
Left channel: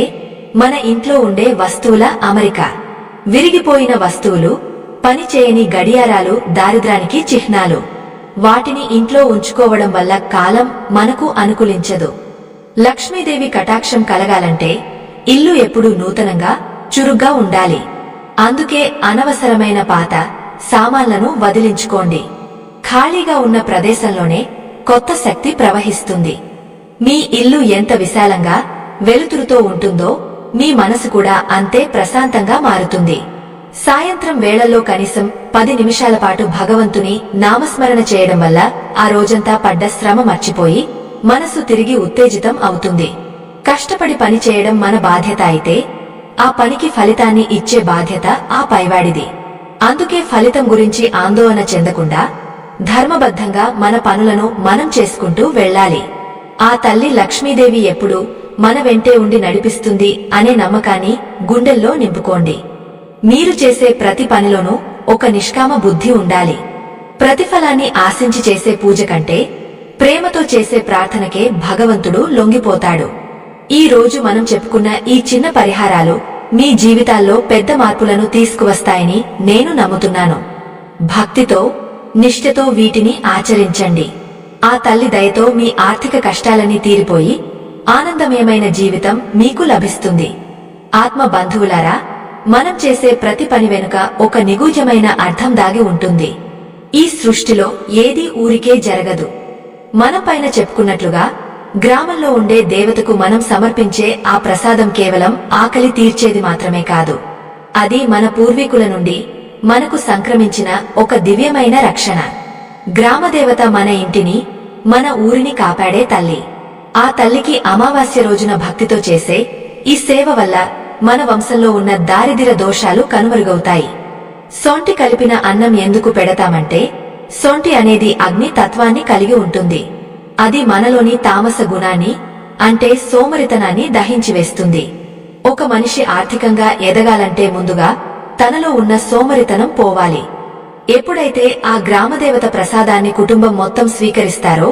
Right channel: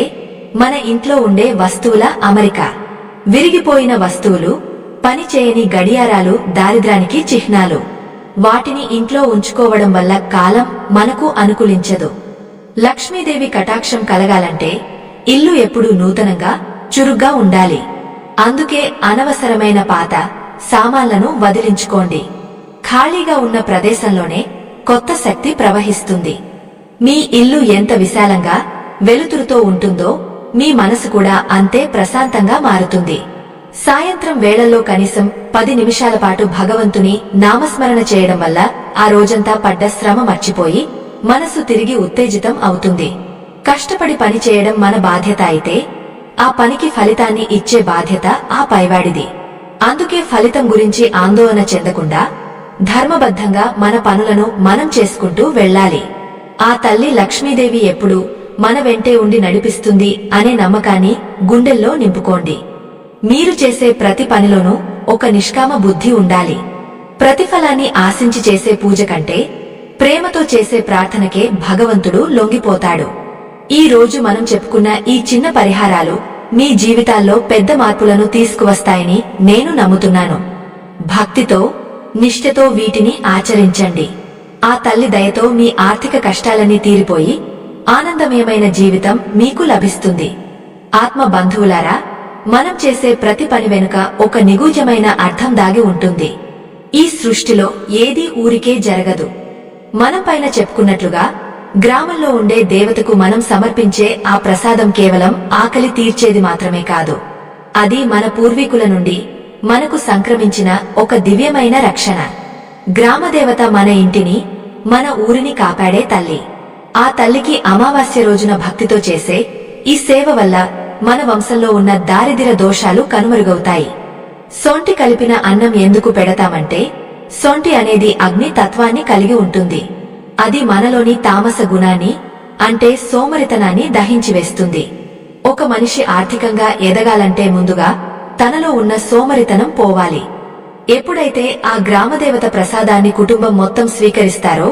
మన ఇంట్లో ఉండే వస్తువుల అమరిక. విరిగిపోయిన వస్తువులు, పనిచేయని గడియారాలు దారిద్రానికి చిహ్నాలు. వాటిని ఇంట్లో ఉంచుకోవడం వల్ల కాలం మనకు అనుకూలించదు. లక్ష్మీదేవి కటాక్షం కలగాలంటే ఇల్లు ఎప్పుడూ నూతనంగా, చురుగ్గా ఉండాలి. అందుకే అనవసరమైన పాత సామాన్లను వదిలించుకోండి. ఖాళీగా ఉన్న ప్రదేశంలోనే కొత్త శక్తి ప్రవహిస్తుంది. మీ ఇల్లు ఎంత విశాలంగా, వెలుతురుతో ఉంటుందో మీ మనసు కూడా అంతే ప్రశాంతంగా మారుతుంది. సాయంత్రం వేళల్లో కనీసం 10 నిమిషాల పాటు భగవంతుని నామస్మరణ చేయడం వల్ల ఆ రోజంతా పడ్డ శ్రమ మర్చిపోయి మనసు తిరిగి ఉత్తేజితం అవుతుంది. కష్టపడి పని చేయడం మన బాధ్యత అయితే ఆ పనికి ఫలితాన్ని ఇచ్చే బాధ్యత ఆ పైవాడిది. అందుకే ఫలితం గురించి ఆందోళన చెందకుండా ధర్మబద్ధంగా మన పనులను మనం చేసుకుంటూ వెళ్ళాలి. ఆ తల్లి లక్ష్మీదేవి ఎప్పుడూ మన వెంటే ఉండి నడిపిస్తుంది అనే నమ్మకాన్ని గుండెల్లో నింపుకోండి. మీరు చేసే ప్రతి పనిలోనూ ఒక నిష్కామ బుద్ధి ఉండాలి. ప్రతిఫలాన్ని ఆశించి చేసే పూజ కంటే ప్రేమతో చేసే ప్రార్థనకే భగవంతుడు లొంగిపోతాడు. ఈ రోజు మనం చెప్పుకున్న ఈ చిన్న పరిహారాలు మీ జీవితాల్లో పెద్ద మార్పులను తీసుకువస్తాయని నేను నమ్ముతున్నాను. భక్తితో, నిష్ఠతో వీటిని ఆచరించండి. ఆ తల్లి దయతో మీ ఆర్థిక కష్టాలన్నీ తీరిపోయి ఆనందమయమైన జీవితం మీకు లభిస్తుంది. ఆత్మ బంధువులారా, మనం చేసే ప్రతి పని వెనుక ఒక నిగూఢమైన అర్థం దాగి ఉంటుంది. ఈ సృష్టిలో ఏదీ ఊరికే జరగదు. మనం పైన చెప్పుకున్నట్లుగా గ్రామంలో ఉండే దేవతకు మనం సమర్పించే ఆ ప్రసాదం కేవలం ఆకలి తీర్చేది మాత్రమే కాదు, అది మన పూర్వీకుల నుండి మనకు సంక్రమించిన ఒక దివ్యమైన రక్షణ. గ్రామదేవత మన ఇంటిని, మన ఊరిని కాపాడే తల్లి. ఆ తల్లికి అమావాస్య రోజున భక్తితో చేసే ఈ సేవ వల్ల మన వంశంలో ఉన్న దారిద్ర్య దోషాలు కనుమరుగవుతాయి. సొంటి కలిపిన అన్నం ఎందుకు పెడతామంటే, సొంటి అనేది అగ్ని తత్వాన్ని కలిగి ఉంటుంది. అది మనలోని తామస గుణాన్ని, అంటే సోమరితనాన్ని దహించివేస్తుంది. ఒక మనిషి ఆర్థికంగా ఎదగాలంటే ముందుగా తనలో ఉన్న సోమరితనం పోవాలి. ఎప్పుడైతే ఆ గ్రామదేవత ప్రసాదాన్ని కుటుంబం మొత్తం స్వీకరిస్తారో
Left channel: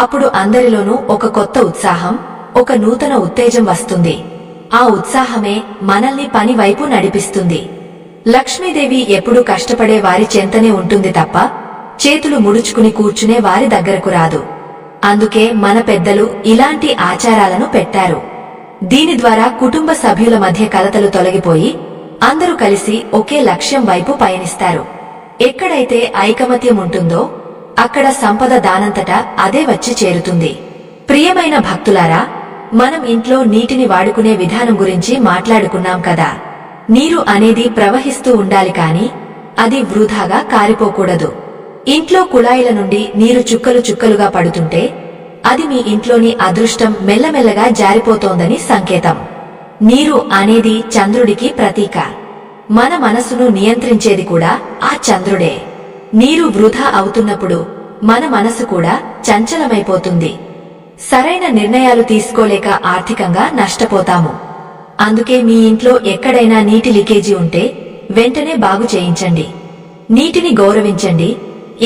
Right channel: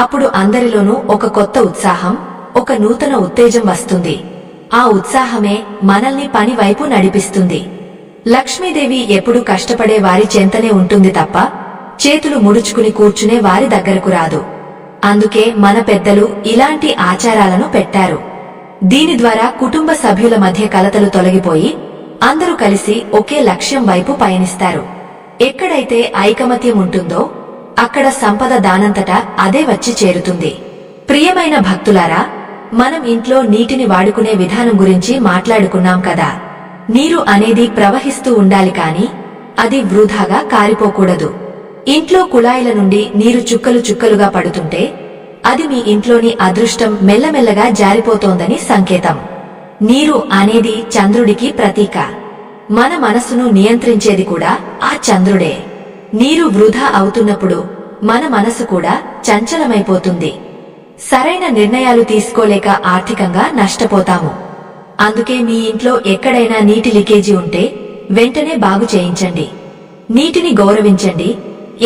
అప్పుడు అందరిలోనూ ఒక కొత్త ఉత్సాహం, ఒక నూతన ఉత్తేజం వస్తుంది. ఆ ఉత్సాహమే మనల్ని పని వైపు నడిపిస్తుంది. లక్ష్మీదేవి ఎప్పుడూ కష్టపడే వారి చెంతనే ఉంటుంది తప్ప చేతులు ముడుచుకుని కూర్చునే వారి దగ్గరకు రాదు. అందుకే మన పెద్దలు ఇలాంటి ఆచారాలను పెట్టారు. దీని ద్వారా కుటుంబ సభ్యుల మధ్య కలతలు తొలగిపోయి అందరూ కలిసి ఒకే లక్ష్యం వైపు పయనిస్తారు. ఎక్కడైతే ఐకమత్యం ఉంటుందో అక్కడ సంపద దానంతటా అదే వచ్చి చేరుతుంది. ప్రియమైన భక్తులారా, మనం ఇంట్లో నీటిని వాడుకునే విధానం గురించి మాట్లాడుకున్నాం కదా. నీరు అనేది ప్రవహిస్తూ ఉండాలి కాని అది వృధాగా కారిపోకూడదు. ఇంట్లో కుళాయిల నుండి నీరు చుక్కలు చుక్కలుగా పడుతుంటే అది మీ ఇంట్లోని అదృష్టం మెల్లమెల్లగా జారిపోతోందని సంకేతం. నీరు అనేది చంద్రుడికి ప్రతీక. మన మనసును నియంత్రించేది కూడా ఆ చంద్రుడే. నీరు వృధా అవుతున్నప్పుడు మన మనసు కూడా చంచలమైపోతుంది. సరైన నిర్ణయాలు తీసుకోలేక ఆర్థికంగా నష్టపోతాము. అందుకే మీ ఇంట్లో ఎక్కడైనా నీటి లీకేజీ ఉంటే వెంటనే బాగు చేయించండి. నీటిని గౌరవించండి.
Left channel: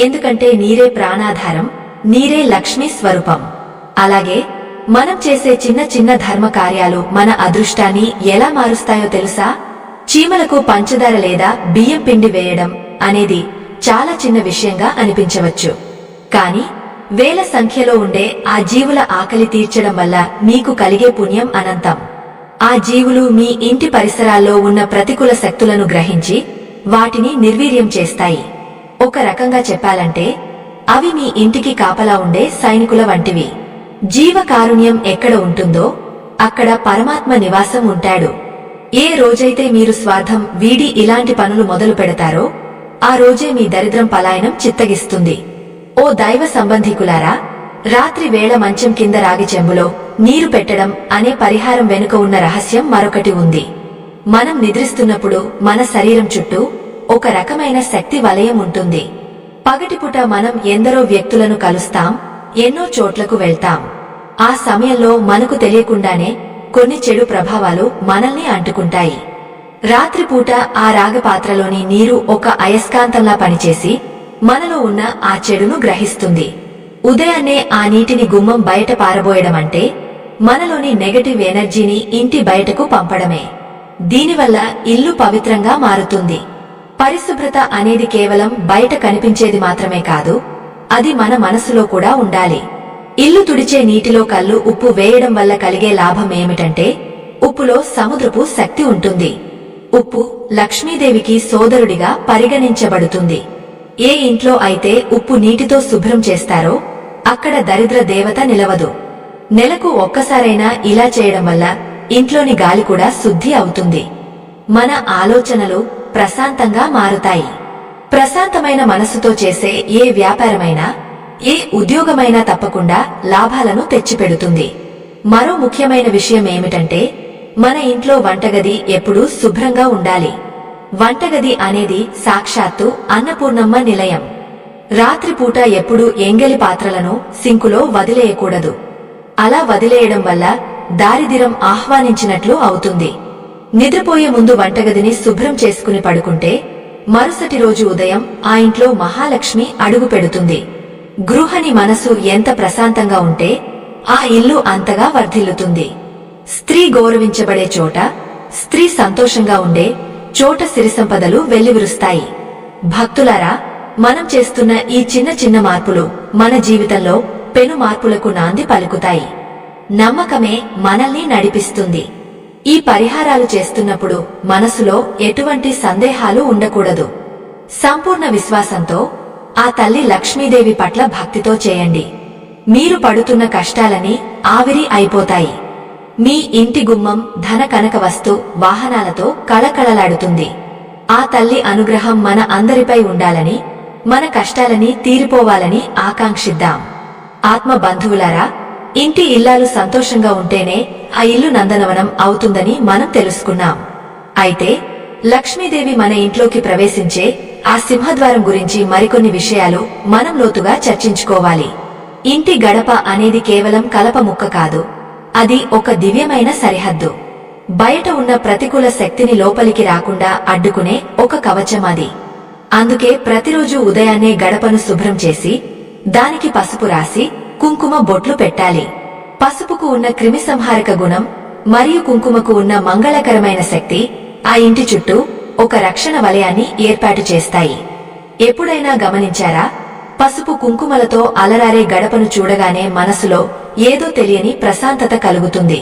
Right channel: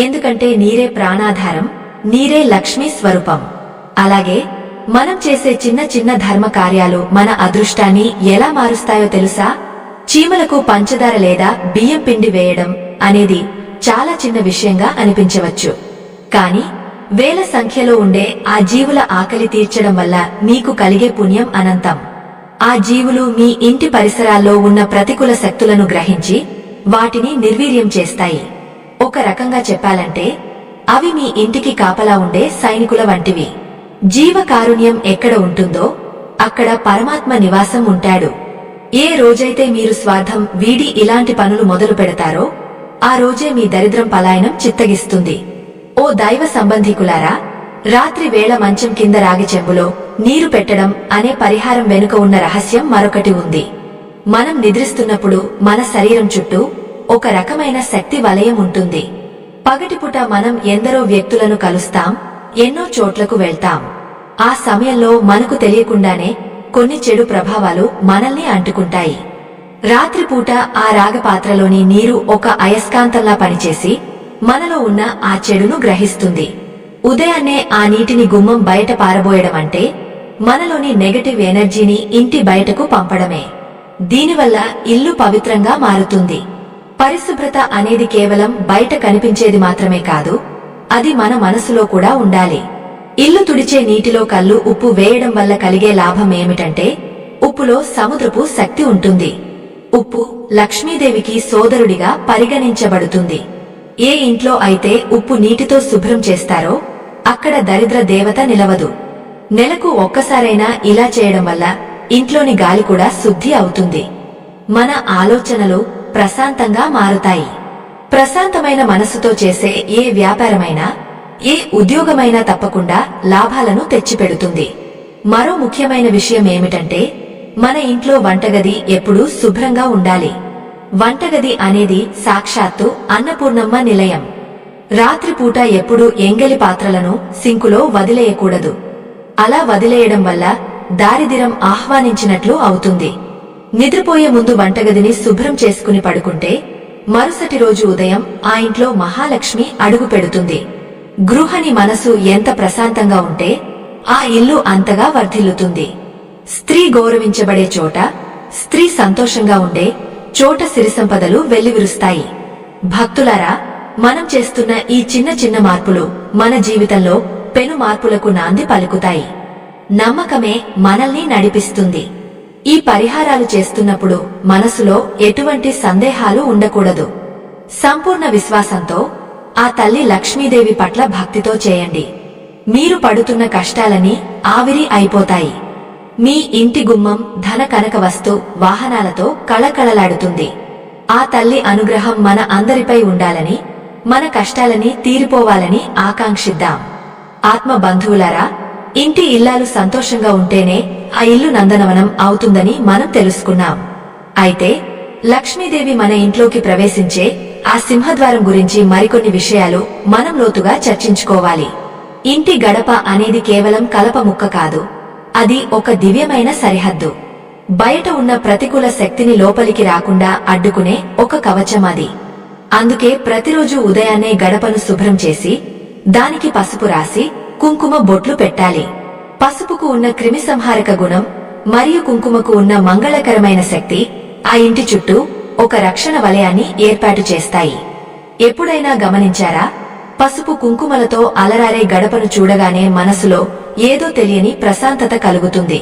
ఎందుకంటే నీరే ప్రాణాధారం, నీరే లక్ష్మీ స్వరూపం. అలాగే మనం చేసే చిన్న చిన్న ధర్మ కార్యాలు మన అదృష్టాన్ని ఎలా మారుస్తాయో తెలుసా? చీమలకు పంచదార లేదా బియ్యం పిండి వేయడం అనేది చాలా చిన్న విషయంగా అనిపించవచ్చు. కాని వేల సంఖ్యలో ఉండే ఆ జీవుల ఆకలి తీర్చడం వల్ల మీకు కలిగే పుణ్యం అనంతం. ఆ జీవులు మీ ఇంటి పరిసరాల్లో ఉన్న ప్రతికూల శక్తులను గ్రహించి వాటిని నిర్వీర్యం చేస్తాయి. ఒక రకంగా చెప్పాలంటే అవి మీ ఇంటికి కాపలా ఉండే సైనికుల వంటివి. జీవకారుణ్యం ఎక్కడ ఉంటుందో అక్కడ పరమాత్మ నివాసం ఉంటాడు. ఏ రోజైతే మీరు స్వార్థం వీడి ఇలాంటి పనులు మొదలు పెడతారో ఆ రోజే మీ దరిద్రం పలాయనం చిత్తగిస్తుంది. ఓ దైవ సంబంధికులారా, రాత్రి వేళ మంచం కింద రాగి చెంబులో నీరు పెట్టడం అనే పరిహారం వెనుక ఉన్న రహస్యం మరొకటి ఉంది. మనం నిద్రిస్తున్నప్పుడు మన శరీరం చుట్టూ ఒక రకమైన శక్తి వలయం ఉంటుంది. పగటిపుట మనం ఎందరో వ్యక్తులను కలుస్తాం, ఎన్నో చోట్లకు వెళ్తాం. ఆ సమయంలో మనకు తెలియకుండానే కొన్ని చెడు ప్రభావాలు మనల్ని అంటుకుంటాయి. రాత్రిపూట ఆ రాగపాత్రలోని నీరు ఒక అయస్కాంతంలా పనిచేసి మనలో ఉన్న ఆ చెడును గ్రహిస్తుంది. ఉదయాన్నే ఆ నీటిని గుమ్మం బయట పారబోయడమంటే మనలోని నెగటివ్ ఎనర్జీని ఇంటి బయటకు పంపడమే. దీనివల్ల ఇల్లు పవిత్రంగా మారుతుంది. పరిశుభ్రత అనేది కేవలం బయట కనిపించేది మాత్రమే కాదు, అది మన మనసులో కూడా ఉండాలి. ఇల్లు తుడిచే నీటిలో కల్లు ఉప్పు వేయడం వల్ల కలిగే లాభం ఏమిటంటే ఉప్పులో సముద్రపు శక్తి ఉంటుంది. ఉప్పు లక్ష్మీదేవికి సోదరుడిగా పరిగణించబడుతుంది. ఏ ఇంట్లో అయితే ఉప్పు నీటితో శుభ్రం చేస్తారో అక్కడ దరిద్ర దేవత నిలవదు. నెలకు ఒక్కసారైనా ఇలా చేయడం వల్ల ఇంట్లోని గాలి కూడా శుద్ధి అవుతుంది. మన ఆలోచనలు ప్రశాంతంగా మారుతాయి. ప్రశాంతమైన మనసుతో చేసే ఏ వ్యాపారమైనా, ఏ ఉద్యోగమైనా తప్పకుండా లాభాలను తెచ్చిపెడుతుంది. మరో ముఖ్యమైన విషయం ఏమిటంటే మన ఇంట్లో వంటగది ఎప్పుడూ శుభ్రంగా ఉండాలి. వంటగది అనేది సాక్షాత్తు అన్నపూర్ణమ్మ నిలయం. రాత్రిపూట ఎప్పుడూ ఎంగలి పాత్రలను సింకులో వదిలేయకూడదు. అలా వదిలేయడం వల్ల దారిద్ర్యం ఆహ్వానించినట్లు అవుతుంది. నిద్రపోయే ముందు వంటగదిని శుభ్రం చేసుకుని పడుకుంటే మరుసటి రోజు ఉదయం ఆ ఇంట్లో మహాలక్ష్మి అడుగు పెడుతుంది. గృహిణి మనసు ఎంత ప్రశాంతంగా ఉంటే ఆ ఇల్లు అంతగా వర్ధిల్లుతుంది. స్త్రీ గౌరవించబడే చోట, స్త్రీ సంతోషంగా ఉండే చోట సిరిసంపదలు వెల్లివిరుస్తాయి. భక్తులారా, మనం చేస్తున్న ఈ చిన్న చిన్న మార్పులు మన జీవితంలో పెను మార్పులకు నాంది పలుకుతాయి. నమ్మకమే మనల్ని నడిపిస్తుంది. ఈ పరిహారాలు చేస్తున్నప్పుడు మనసులో ఎటువంటి సందేహాలు ఉండకూడదు. సంపూర్ణ విశ్వాసంతో ఆ తల్లి లక్ష్మీదేవి పట్ల భక్తితో చేయండి. మీరు పడుతున్న కష్టాలన్నీ ఆవిరి అయిపోతాయి. మీ ఇంటి గుమ్మం ధన కనక వస్తు వాహనాలతో కళకళలాడుతుంది. ఆ తల్లి అనుగ్రహం మన అందరిపై ఉండాలని, మన కష్టాలని తీరిపోవాలని ఆకాంక్షిద్దాం. ఆత్మ బంధువులారా, ఇంటి ఇల్లాలు సంతోషంగా ఉంటేనే ఆ ఇల్లు నందనవనం అవుతుందని మనం తెలుసుకున్నాం. అయితే లక్ష్మీదేవి మన ఇంట్లోకి ప్రవేశించే ఆ సింహద్వారం గురించి మరికొన్ని విషయాలు మనం లోతుగా చర్చించుకోవాలి. ఇంటి గడప అనేది కేవలం కలప ముక్క కాదు, అది ఒక దివ్యమైన సరిహద్దు. బయట ఉన్న ప్రతికూల శక్తిని లోపలికి రాకుండా అడ్డుకునే ఒక కవచం అది. అందుకే ప్రతిరోజు ఉదయాన్నే గడపను శుభ్రం చేసి దానికి పసుపు రాసి కుంకుమ బొట్లు పెట్టాలి. పసుపుకు ఉన్న క్రిమిసంహారక గుణం మరియు కుంకుమకు ఉన్న మంగళకరమైన శక్తి ఆ ఇంటి చుట్టూ ఒక రక్షణ వలయాన్ని ఏర్పాటు చేస్తాయి. ఎప్పుడైనా గమనించారా? పసుపు కుంకుమలతో అలరారే గడపను చూడగానే మనసులో ఏదో తెలియని ప్రశాంతత కలుగుతుంది.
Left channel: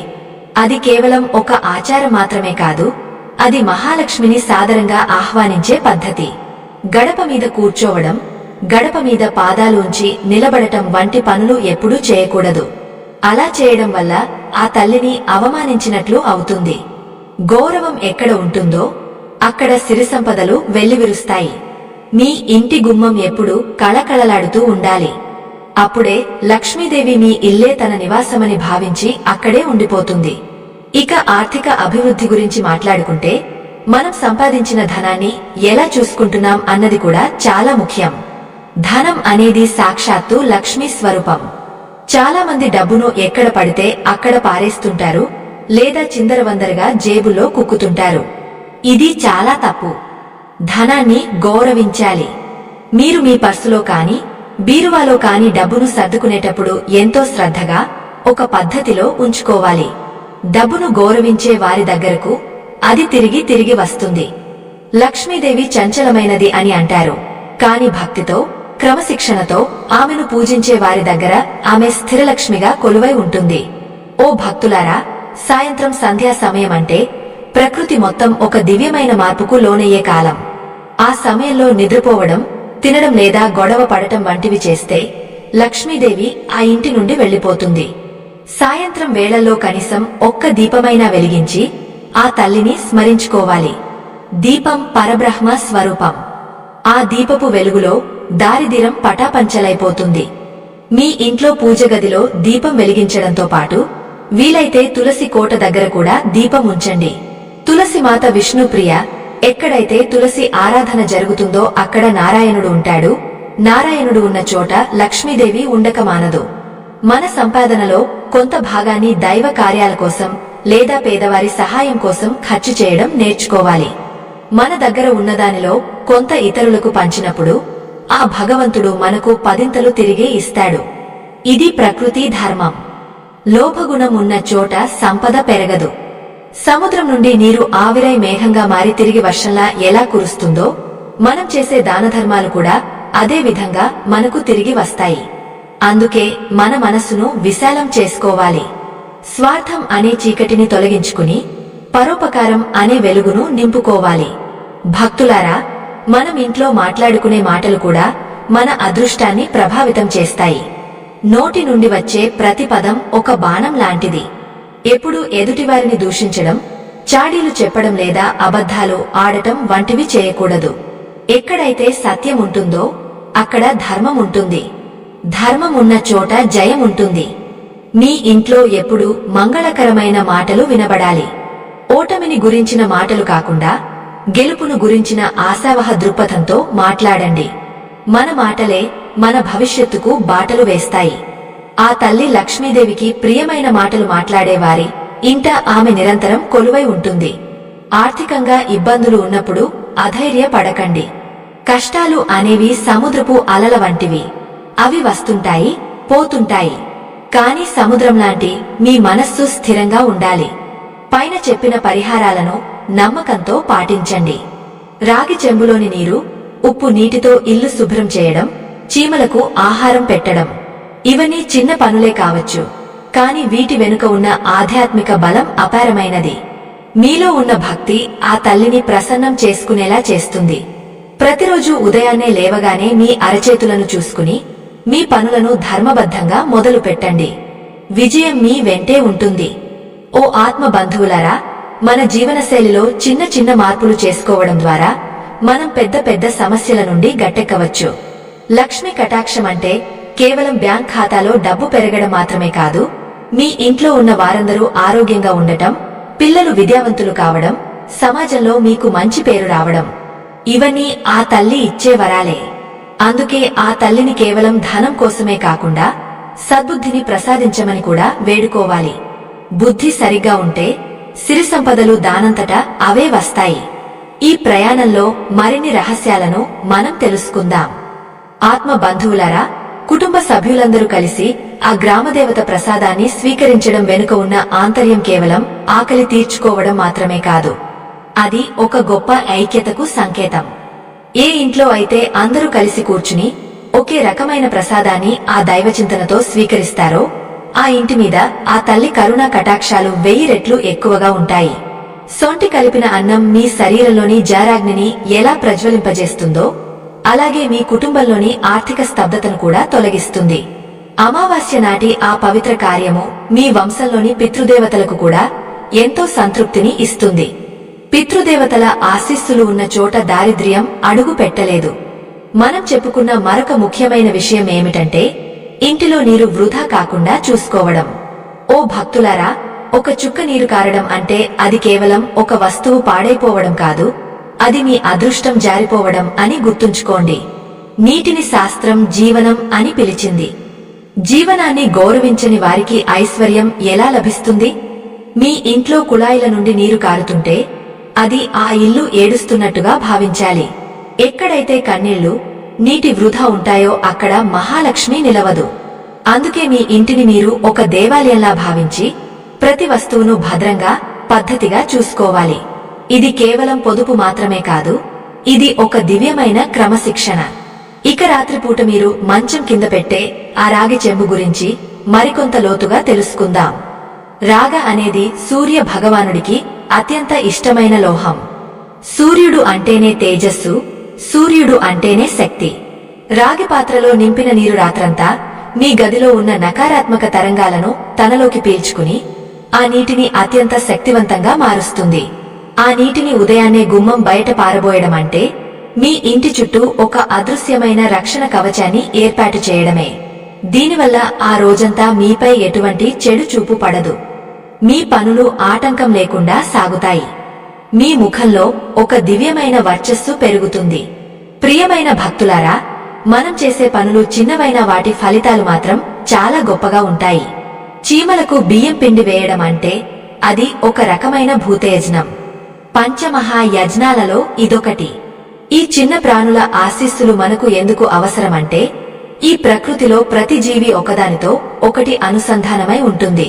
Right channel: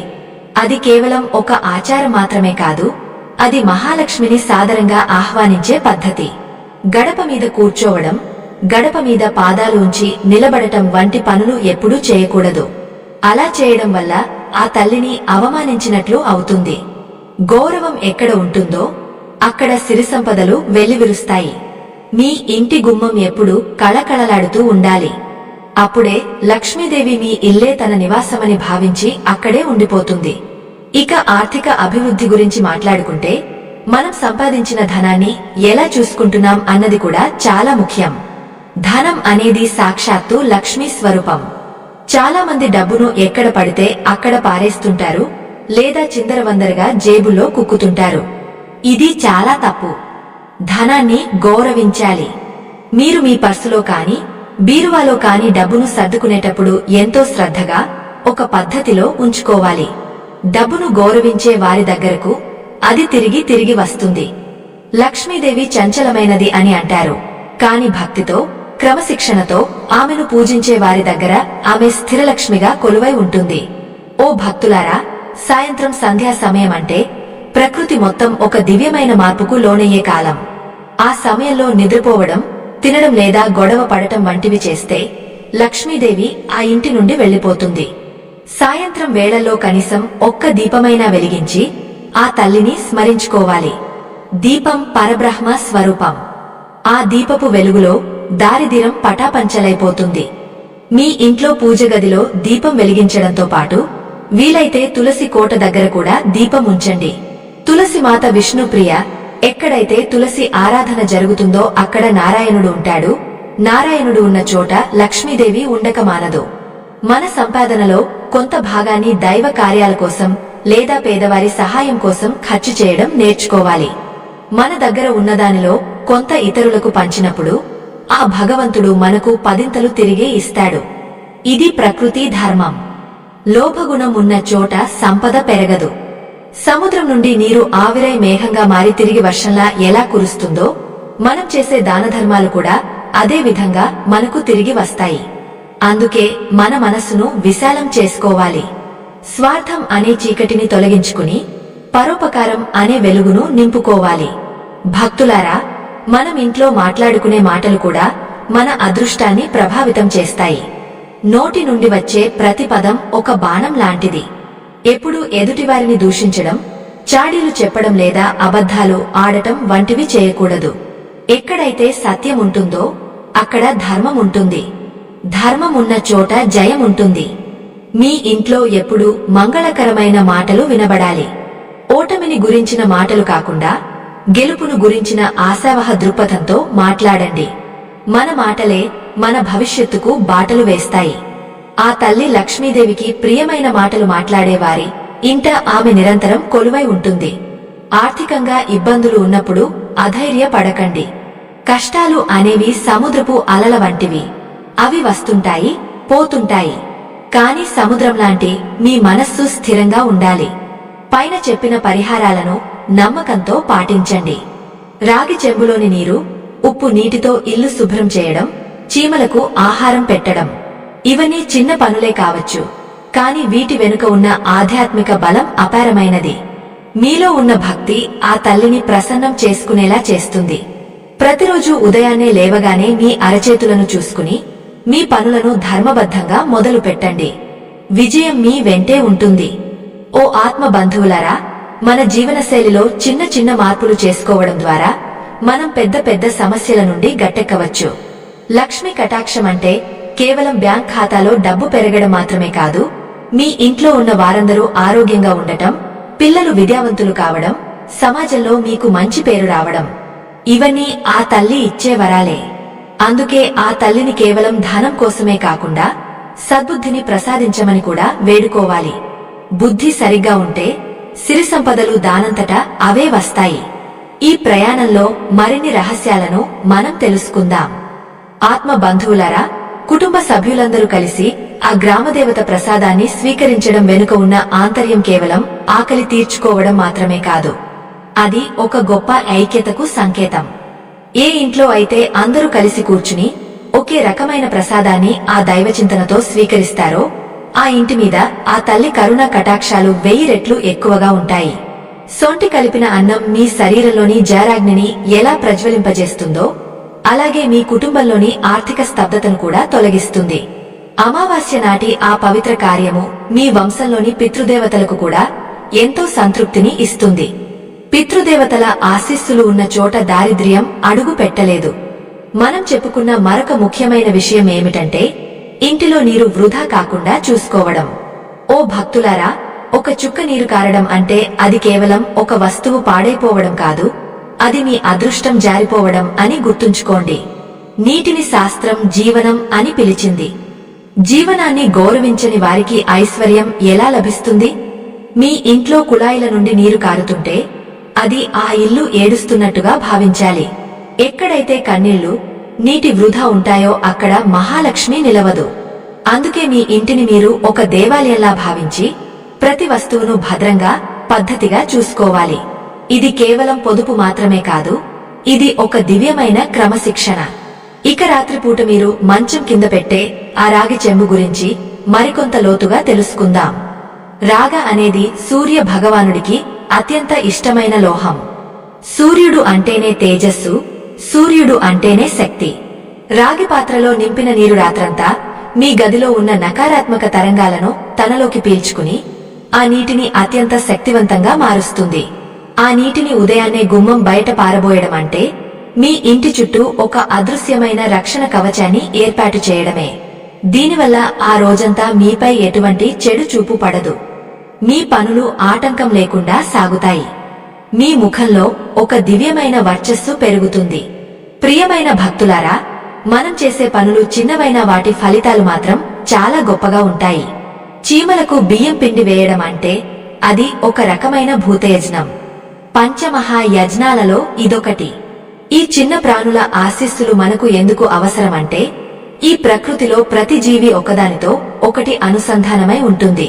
అది కేవలం ఒక ఆచారం మాత్రమే కాదు, అది మహాలక్ష్మిని సాదరంగా ఆహ్వానించే పద్ధతి. గడప మీద కూర్చోవడం, గడప మీద పాదాలు ఉంచి నిలబడటం వంటి పనులు ఎప్పుడూ చేయకూడదు. అలా చేయడం వల్ల ఆ తల్లిని అవమానించినట్లు అవుతుంది. గౌరవం ఎక్కడ ఉంటుందో అక్కడ సిరిసంపదలు వెల్లివిరుస్తాయి. మీ ఇంటి గుమ్మం ఎప్పుడూ కళకళలాడుతూ ఉండాలి. అప్పుడే లక్ష్మీదేవి మీ ఇల్లే తన నివాసమని భావించి అక్కడే ఉండిపోతుంది. ఇక ఆర్థిక అభివృద్ధి గురించి మాట్లాడుకుంటే, మనం సంపాదించిన ధనాన్ని ఎలా చూసుకుంటున్నాం అన్నది కూడా చాలా ముఖ్యం. ధనం అనేది సాక్షాత్తు లక్ష్మీ స్వరూపం. చాలా మంది డబ్బును ఎక్కడ పడితే అక్కడ పారేస్తుంటారు, లేదా చిందరవందరగా జేబుల్లో కుక్కుతుంటారు. ఇది చాలా తప్పు. ధనాన్ని గౌరవించాలి. మీరు మీ పర్సులో కాని బీరువాలో కాని డబ్బును సర్దుకునేటప్పుడు ఎంతో శ్రద్ధగా ఒక పద్ధతిలో ఉంచుకోవాలి. డబ్బును గౌరవించే వారి దగ్గరకు అది తిరిగి వస్తుంది. లక్ష్మీదేవి చంచలమైనది అని అంటారు, కాని భక్తితో, క్రమశిక్షణతో ఆమెను పూజించే వారి దగ్గర ఆమె స్థిరలక్ష్మిగా కొలువై ఉంటుంది. ఓ భక్తులారా, సాయంత్రం సంధ్యా సమయమంటే ప్రకృతి మొత్తం ఒక దివ్యమైన మార్పుకు లోనయ్యే కాలం. ఆ సమయంలో నిద్రపోవడం, తినడం లేదా గొడవ పడటం వంటివి చేస్తే లక్ష్మీదేవి ఆ ఇంటి నుండి వెళ్లిపోతుంది. సాయంత్రం వేళల్లో కనీసం ఒక్క దీపమైనా వెలిగించి ఆ తల్లిని స్మరించుకోవాలి. దీపం పరబ్రహ్మ స్వరూపం. ఆ దీపపు వెలుగులో దారిద్ర్యం పటాపంచలైపోతుంది. మీ ఇంట్లో పూజగదిలో దీపం వెలిగించడంతో పాటు వీలైతే తులసి కోట దగ్గర కూడా దీపం ఉంచండి. తులసి మాత విష్ణుప్రియ. ఎక్కడైతే తులసి ఆరాధన జరుగుతుందో అక్కడ నారాయణుడు ఉంటాడు. నారాయణుడు ఉన్న చోట లక్ష్మీదేవి ఉండక మానదు. మన సంపాదనలో కొంత భాగాన్ని దైవ కార్యాల కోసం లేదా పేదవారి సహాయం కోసం ఖర్చు చేయడం నేర్చుకోవాలి. మన దగ్గర ఉన్నదానిలో కొంత ఇతరులకు పంచినప్పుడు ఆ భగవంతుడు మనకు పదింతలు తిరిగి ఇస్తాడు. ఇది ప్రకృతి ధర్మం. లోభగుణం ఉన్న చోట సంపద పెరగదు. సముద్రం నుండి నీరు ఆవిరై మేఘంగా మారి తిరిగి వర్షంలా ఎలా కురుస్తుందో, మనం చేసే దానధర్మాలు కూడా అదే విధంగా మనకు తిరిగి వస్తాయి. అందుకే మన మనస్సును విశాలం చేసుకోవాలి. స్వార్థం అనే చీకటిని తొలగించుకుని పరోపకారం అనే వెలుగును నింపుకోవాలి. భక్తులారా, మనం ఇంట్లో మాట్లాడుకునే మాటలు కూడా మన అదృష్టాన్ని ప్రభావితం చేస్తాయి. నోటి నుండి వచ్చే ప్రతి పదం ఒక బాణం లాంటిది. ఎప్పుడూ ఎదుటివారిని దూషించడం, చాడీలు చెప్పడం లేదా అబద్ధాలు ఆడటం వంటివి చేయకూడదు. ఎక్కడైతే సత్యం ఉంటుందో అక్కడ ధర్మం ఉంటుంది. ధర్మం ఉన్న చోట జయం ఉంటుంది. మీ ఇంట్లో ఎప్పుడూ మంగళకరమైన మాటలు వినబడాలి. ఓటమిని గురించిన మాటలు కాకుండా గెలుపును గురించిన ఆశావహ దృక్పథంతో మాట్లాడండి. మన మాటలే మన భవిష్యత్తుకు బాటలు వేస్తాయి. ఆ తల్లి లక్ష్మీదేవికి ప్రియమైన మాటలు మాట్లాడేవారి ఇంట ఆమె నిరంతరం కొలువై ఉంటుంది. ఆర్థికంగా ఇబ్బందులు ఉన్నప్పుడు అధైర్య పడకండి. కష్టాలు అనేవి సముద్రపు అలల వంటివి. అవి వస్తుంటాయి, పోతుంటాయి. కాని సముద్రంలాంటి మీ మనస్సు స్థిరంగా ఉండాలి. పైన చెప్పిన పరిహారాలను నమ్మకంతో పాటించండి. రాగి చెంబులోని నీరు, ఉప్పు నీటితో ఇల్లు శుభ్రం చేయడం, చీమలకు ఆహారం పెట్టడం, ఇవన్నీ చిన్న పనులే కావచ్చు, కాని వీటి వెనుక ఉన్న ఆధ్యాత్మిక బలం అపారమైనది. మీలో ఉన్న భక్తి ఆ తల్లిని ప్రసన్నం చేసుకునేలా చేస్తుంది. ప్రతిరోజు ఉదయాన్నే లేవగానే మీ అరచేతులను చూసుకుని మీ పనులను ధర్మబద్ధంగా మొదలు పెట్టండి. విజయం మీ వెంటే ఉంటుంది. ఓ ఆత్మ బంధువులారా, మన జీవనశైలిలో చిన్న చిన్న మార్పులు చేసుకోవడం ద్వారా మనం పెద్ద పెద్ద సమస్యల నుండి గట్టెక్కవచ్చు. లక్ష్మీ కటాక్షం అంటే కేవలం బ్యాంక్ ఖాతాలో డబ్బు పెరగడం మాత్రమే కాదు, మీ ఇంట్లో ఉన్న వారందరూ ఆరోగ్యంగా ఉండటం, పిల్లలు విద్యావంతులు కావడం, సమాజంలో మీకు మంచి పేరు రావడం. ఇవన్నీ ఆ తల్లి ఇచ్చే వరాలే. అందుకే ఆ తల్లిని కేవలం ధనం కోసమే కాకుండా సద్బుద్ధిని ప్రసాదించమని కూడా వేడుకోవాలి. బుద్ధి సరిగ్గా ఉంటే సిరి సంపదలు దానంతటా అవే వస్తాయి. ఈ ప్రయాణంలో మరిన్ని రహస్యాలను మనం తెలుసుకుందాం. ఆత్మ బంధువులారా, కుటుంబ సభ్యులందరూ కలిసి ఆ గ్రామదేవత ప్రసాదాన్ని స్వీకరించడం వెనుక ఉన్న ఆంతర్యం కేవలం ఆకలి తీర్చుకోవడం మాత్రమే కాదు. అది ఒక గొప్ప ఐక్యతకు సంకేతం. ఏ ఇంట్లో అయితే అందరూ కలిసి కూర్చుని ఒకే రకమైన ప్రసాదాన్ని ఆ దైవచింతనతో స్వీకరిస్తారో ఆ ఇంటి మీద ఆ తల్లి కరుణ కటాక్షాలు 1000 రెట్లు ఎక్కువగా ఉంటాయి. సొంటి కలిపిన అన్నం మీ శరీరంలోని జారాగ్నిని ఎలా ప్రజ్వలింపజేస్తుందో అలాగే మీ కుటుంబంలోని ఆర్థిక స్తబ్దతను కూడా తొలగిస్తుంది. అమావాస్య నాటి ఆ పవిత్ర కార్యము మీ వంశంలోని పితృదేవతలకు కూడా ఎంతో సంతృప్తిని ఇస్తుంది. పితృదేవతల ఆశీస్సులు ఉన్న చోట దారిద్ర్యం అడుగు పెట్టలేదు. మనం చెప్పుకున్న మరొక ముఖ్యమైన విషయం ఏమిటంటే ఇంటిలో నీరు వృధా కాకుండా చూసుకోవడం. ఓ భక్తులారా, ఒక చుక్క నీరు కారడం అంటే అది కేవలం ఒక వస్తువు పాడైపోవడం కాదు, అది మీ అదృష్టం జారిపోవడం అని గుర్తుంచుకోండి. నీటిని శాస్త్రం జీవనం అని పిలిచింది. జీవనాన్ని గౌరవించని వారికి ఐశ్వర్యం ఎలా లభిస్తుంది? మీ ఇంట్లో కుళాయిల నుండి నీరు కారుతుంటే అది ఆ ఇల్లు ఏడుస్తున్నట్టుగా భావించాలి. ఎక్కడైతే కన్నీళ్లు, నీటి వృధా ఉంటాయో అక్కడ మహాలక్ష్మి నిలవదు. అందుకే మీ ఇంటిని మీరు ఒక దేవాలయంలా భావించి ప్రతి వస్తువును భద్రంగా, పద్ధతిగా చూసుకోవాలి. ఇది కేవలం పొదుపు మాత్రమే కాదు, ఇది ఒక దివ్యమైన క్రమశిక్షణ. ఇక రాత్రిపూట మీరు మంచం కింద పెట్టే ఆ రాగి చెంబు గురించి మరికొంత లోతుగా తెలుసుకుందాం. రాగ అనేది సూర్య భగవానుడికి అత్యంత ఇష్టమైన లోహం. సూర్యుడు అంటేనే తేజస్సు, సూర్యుడు అంటేనే శక్తి. రాగి పాత్రలో నింపిన నీరు రాత్రంతా మీ గదిలో ఉన్న నకారాత్మక తరంగాలను తనలోకి పీల్చుకుని ఆ నీటిని అత్యంత శక్తివంతంగా మారుస్తుంది. ఆ నీటిని ఉదయాన్నే గుమ్మం బయట పారబోయడం అంటే మీ ఇంటి చుట్టూ ఒక అదృశ్యమైన రక్షణ కవచాన్ని ఏర్పాటు చేయడమే. దీనివల్ల ఆ రోజంతా మీపై ఎటువంటి చెడు చూపు పడదు. మీ పనులు ఆటంకం లేకుండా సాగుతాయి. మీ ముఖంలో ఒక దివ్యమైన వర్చస్సు పెరుగుతుంది. ప్రియమైన భక్తులారా, మనం చేసే పనులు చిన్నవైన వాటి ఫలితాలు మాత్రం చాలా గొప్పగా ఉంటాయి. చీమలకు బియ్యం పిండి వేయడం అంటే అది ఒక రకమైన భూతయజ్ఞం. పంచమహాయజ్ఞాలలో ఇదొకటి. ఈ చిన్న ప్రాణుల ఆశీస్సులు మనకు ఎందుకు అవసరమంటే ఈ ప్రకృతిలో ప్రతి జీవి ఒకదానితో ఒకటి అనుసంధానమై ఉంటుంది.